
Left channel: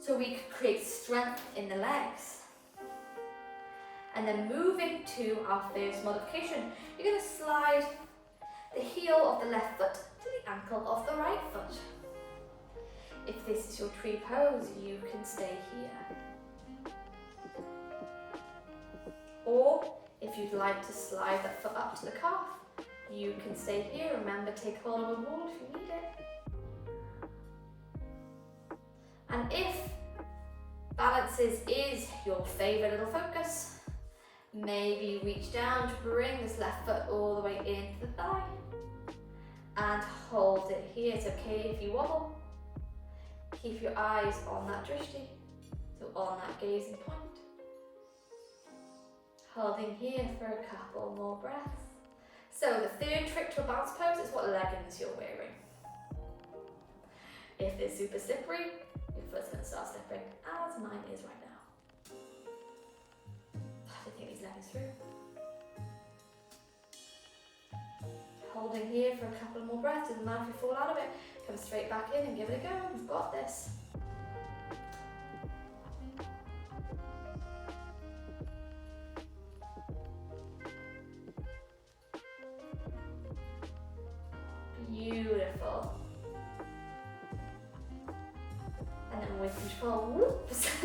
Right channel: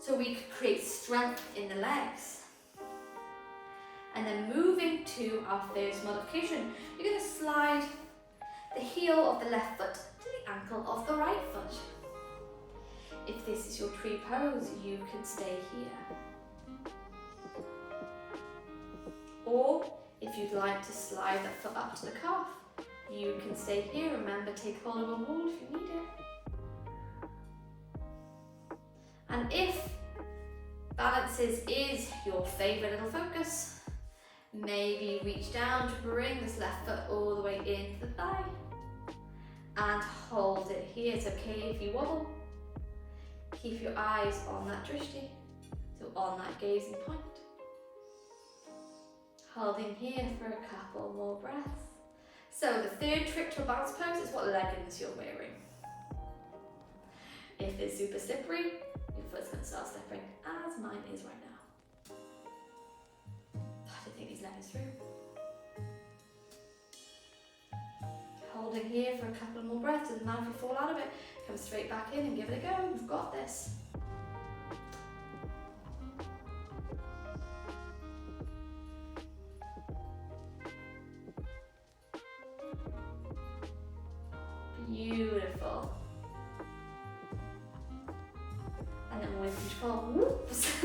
so we can create strength in the legs. And then moving to our first modification, you're going to slide the heel of the left foot to the ankle of the right foot. If this is your tree pose, you can stay here. Or if you'd like to slide that foot up to the calf, you can stay here. Remember, take hold of a wall if you need it. And if balances is your favourite little focus, maybe reach down to bring this left foot all the way into the thigh and hold it here. It's okay if you wobble. Keep your eyes on that drishti, so on that gazing point. Holding here for a couple more breaths. So the third trick to a balance pose is what leggings you're wearing. If they're super slippery, your foot's going to start slipping, as mine is right now. Take these leggings through. Holding here for a couple more breaths. Doesn't matter if you fall out of it. Come straight back in and give it a go. You've got this. Beautiful. And then with control, whoops,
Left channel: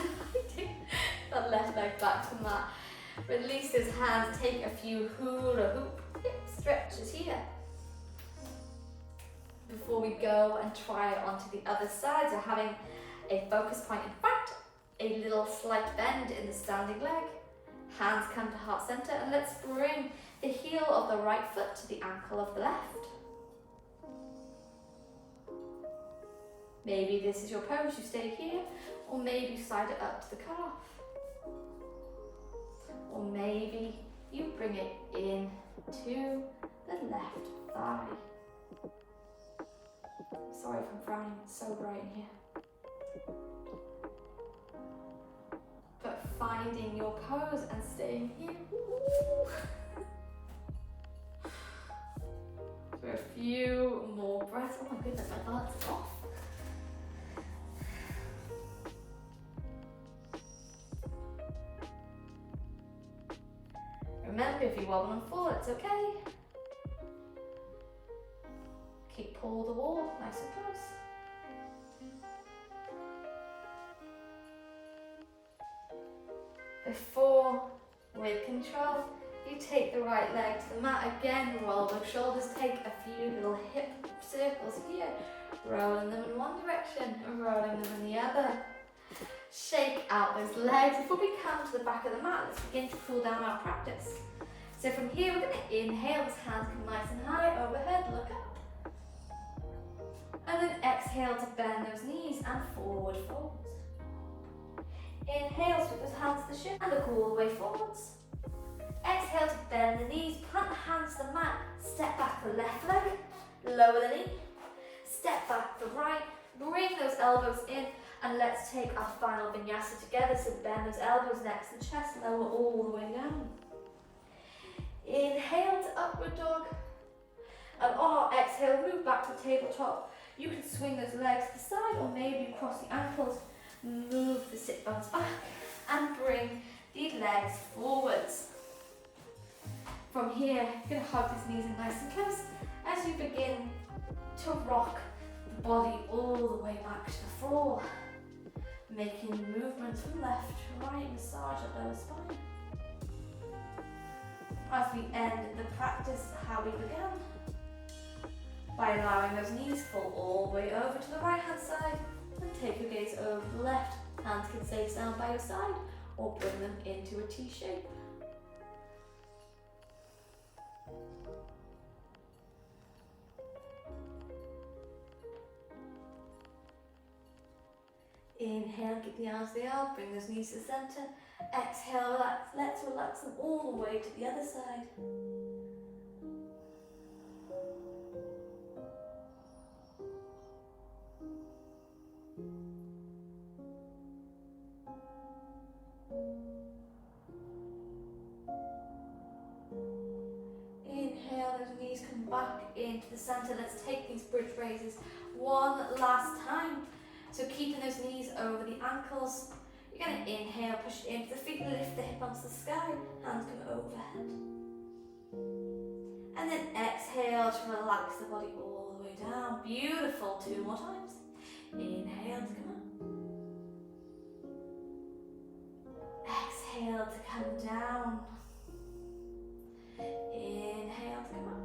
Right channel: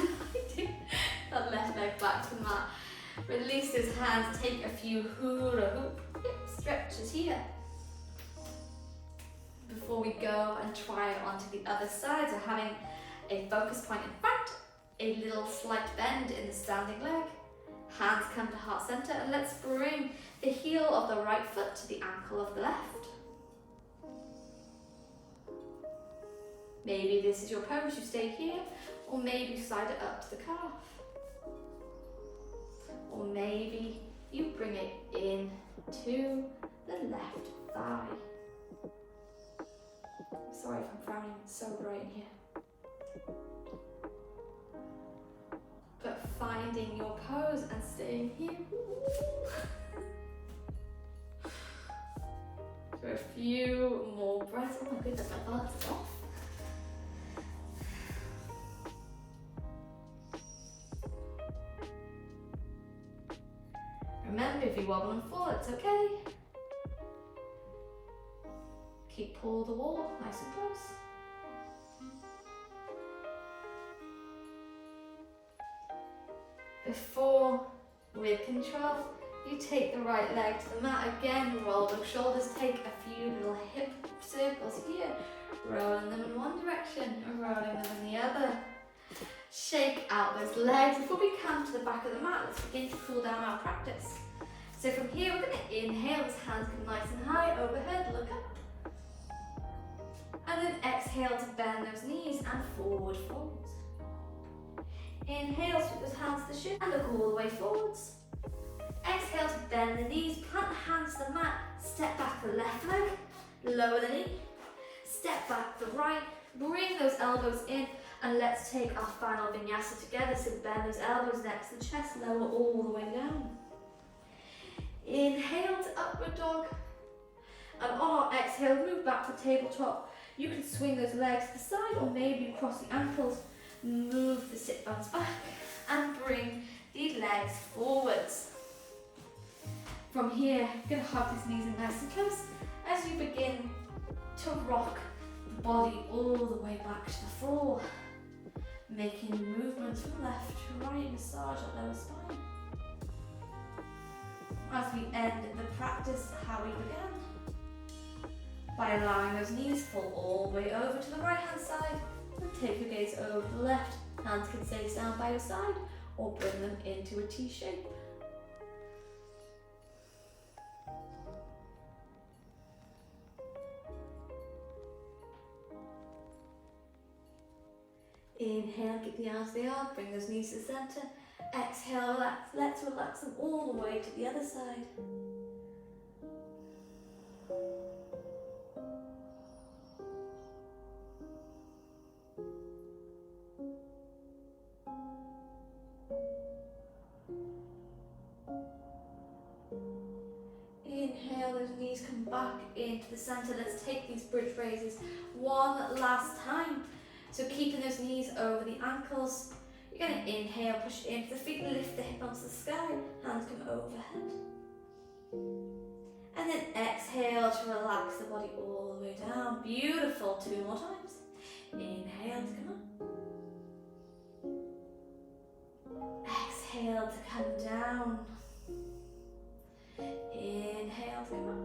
that left leg back to the mat. Release those hands, take a few hula hoop hip stretches here. Before we go and try it onto the other side, so having a focus point in front, a little slight bend in the standing leg, hands come to heart center, and let's bring the heel of the right foot to the ankle of the left. Maybe this is your pose, you stay here, or maybe slide it up to the calf. Or maybe you bring it in to the left thigh. Sorry if I'm frowning, it's so bright in here. But finding your pose and staying here. For a few more breaths. Oh my goodness, my balance is off. you wobble and fall, it's okay. Pull the wall nice and close. Before, with control, you take the right leg to the mat. Again, roll those shoulders, take a few little hip circles here, rolling them in one direction and rolling them in the other. Shake out those legs. Before we come to the back of the mat, let's begin to cool down our practice. So from here, we're going to inhale, those hands come nice and high, overhead, look up. And then exhale to bend those knees and forward fold. Inhale, sweep those hands to the shin and look all the way forwards. Exhale to bend the knees, plant the hands to the mat, step back the left leg, lower the knee, step back the right, bring those elbows in, and let's take our final vinyasa together. So bend those elbows next to the chest, lower all the way down. Inhale to upward dog, and on our exhale, move back to tabletop. You can swing those legs to the side, or maybe cross the ankles, move the sit bones back, and bring the legs forwards. From here, you're going to hug these knees in nice and close as you begin to rock the body all the way back to the floor, making movements from left to right, massage our lower spine. As we end the practice how we began, by allowing those knees fall all the way over to the right hand side, and take your gaze over to the left. Hands can stay down by your side or bring them into a T shape. Inhale, keep the arms they are, bring those knees to the centre. Exhale, relax, let's relax them all the way to the other side. Inhale, those knees come back into the centre. Let's take these bridge raises one last time. So keeping those knees over the ankles. You're going to inhale, push into the feet, lift the hip onto the sky, hands come overhead. And then exhale to relax the body all the way down. Beautiful, 2 more times. Inhale to come up. Exhale to come down. Inhale to come up.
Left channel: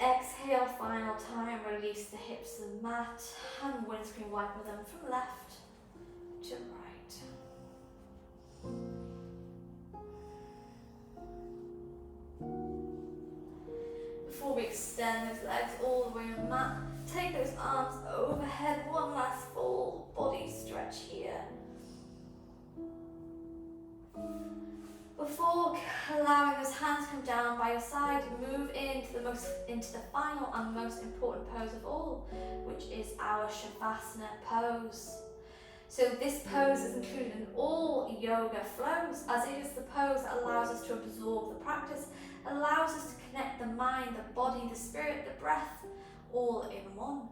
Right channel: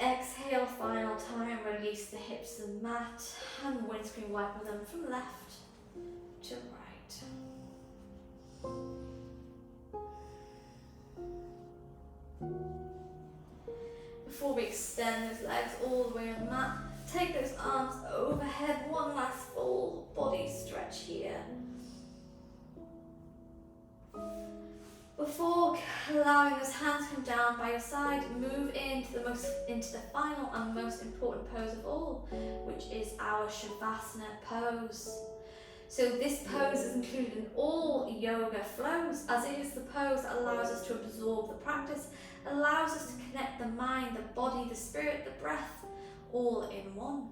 Exhale, final time, release the hips to the mat and windscreen wiper them from left to right. Before we extend those legs all the way on the mat, take those arms overhead, one last full body stretch here. Before allowing those hands come down by your side, move into the final and most important pose of all, which is our Shavasana pose. So this pose is included in all yoga flows, as it is the pose that allows us to absorb the practice, allows us to connect the mind, the body, the spirit, the breath, all in one.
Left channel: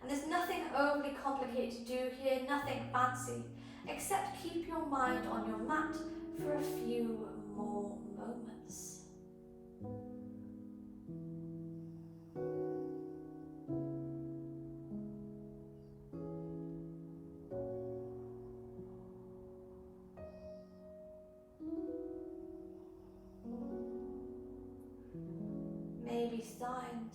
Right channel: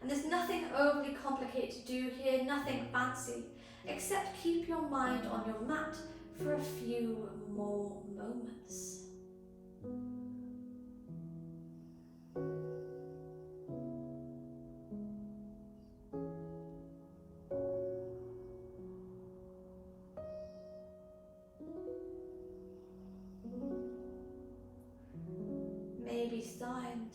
And there's nothing overly complicated to do here, nothing fancy, except keep your mind on your mat for a few more moments. Maybe starting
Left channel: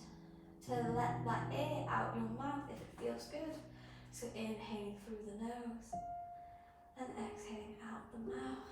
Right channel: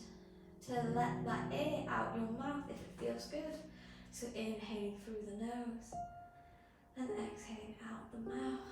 to let that air out your mouth if it feels good. So inhaling through the nose and exhaling out the mouth.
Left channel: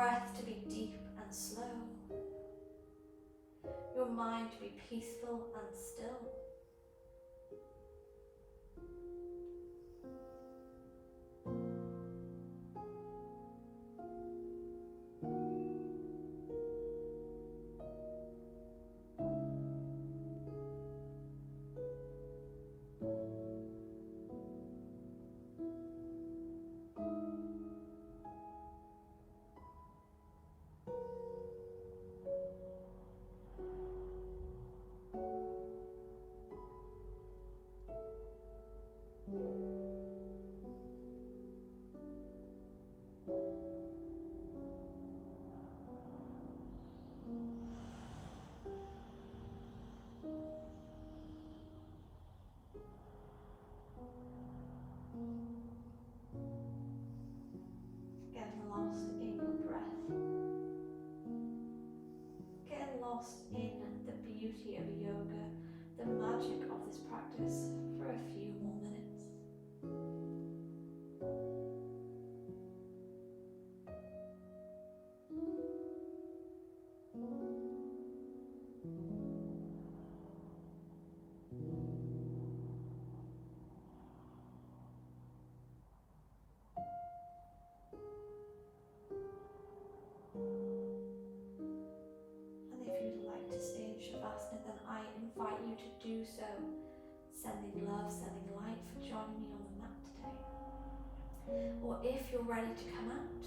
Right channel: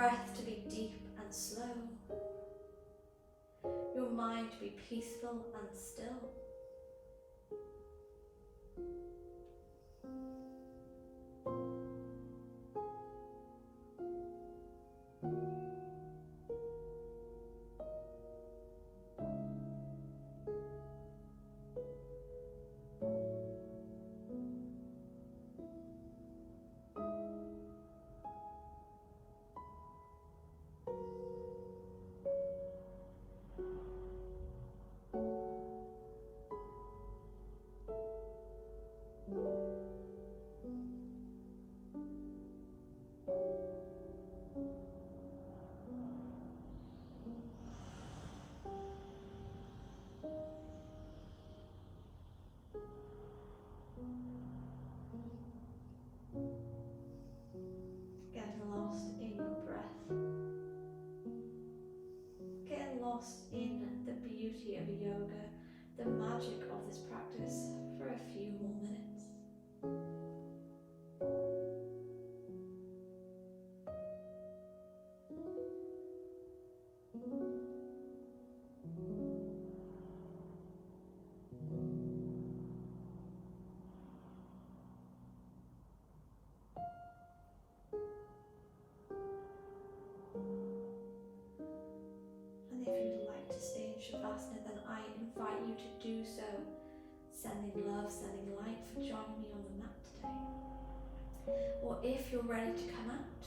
breath to be deep and slow. Your mind to be peaceful and still. Getting lost in your breath. Getting lost in the beauty of yoga, the magic of this practice for a few more minutes. And if you'd like to stay in Shavasana, then I invite you to do so. Sending love, sending light for joining me on the mat today. Or if you're ready to come out,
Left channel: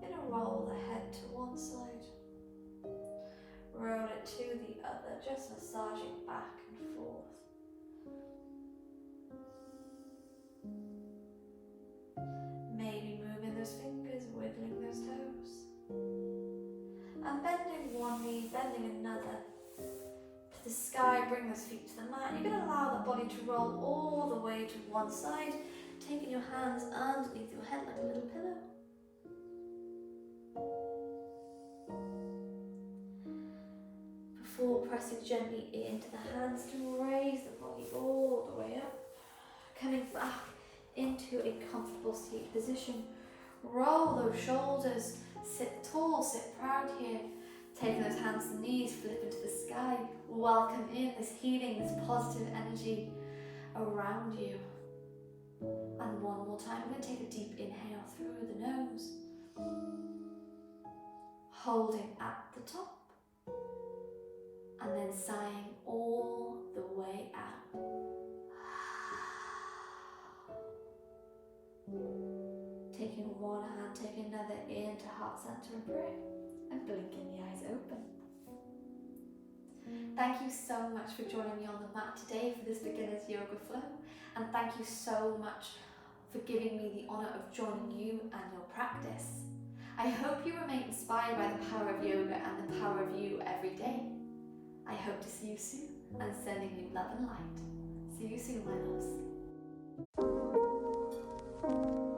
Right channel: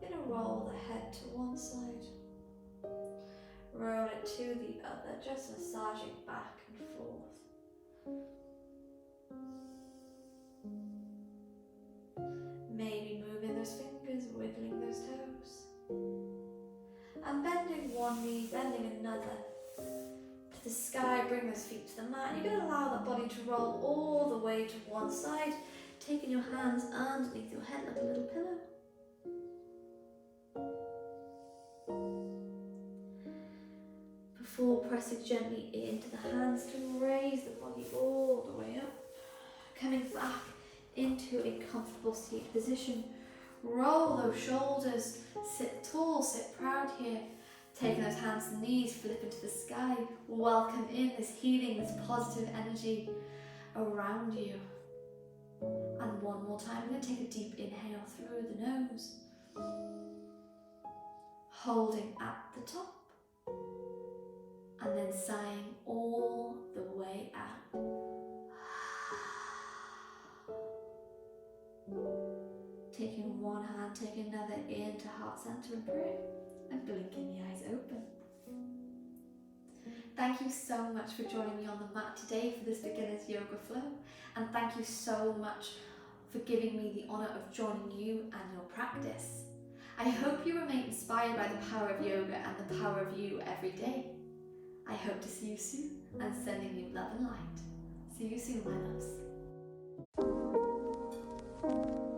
you're going to roll the head to one side, roll it to the other, just massaging back and forth. Maybe moving those fingers, wiggling those toes. And bending one knee, bending another. To the sky, bring those feet to the mat. You're going to allow the body to roll all the way to one side, taking your hands underneath your head like a little pillow. Before pressing gently into the hands to raise the body all the way up. Coming back into a comfortable seated position. Roll those shoulders, sit tall, sit proud here. Taking those hands to the knees, flip into the sky. Welcome in this healing, this positive energy around you. And one more time, we're going to take a deep inhale through the nose. Holding at the top. And then sighing all the way out. Taking one hand, taking another into heart center and prayer. And blinking the eyes open. Thank you so much for joining me on the mat today for this beginner's yoga flow, and thank you so much for giving me the honour of joining you and your practice. I hope you remain inspired by the power of yoga and the power of you every day. I hope to see you soon and sending you love and light. See you soon, my loves.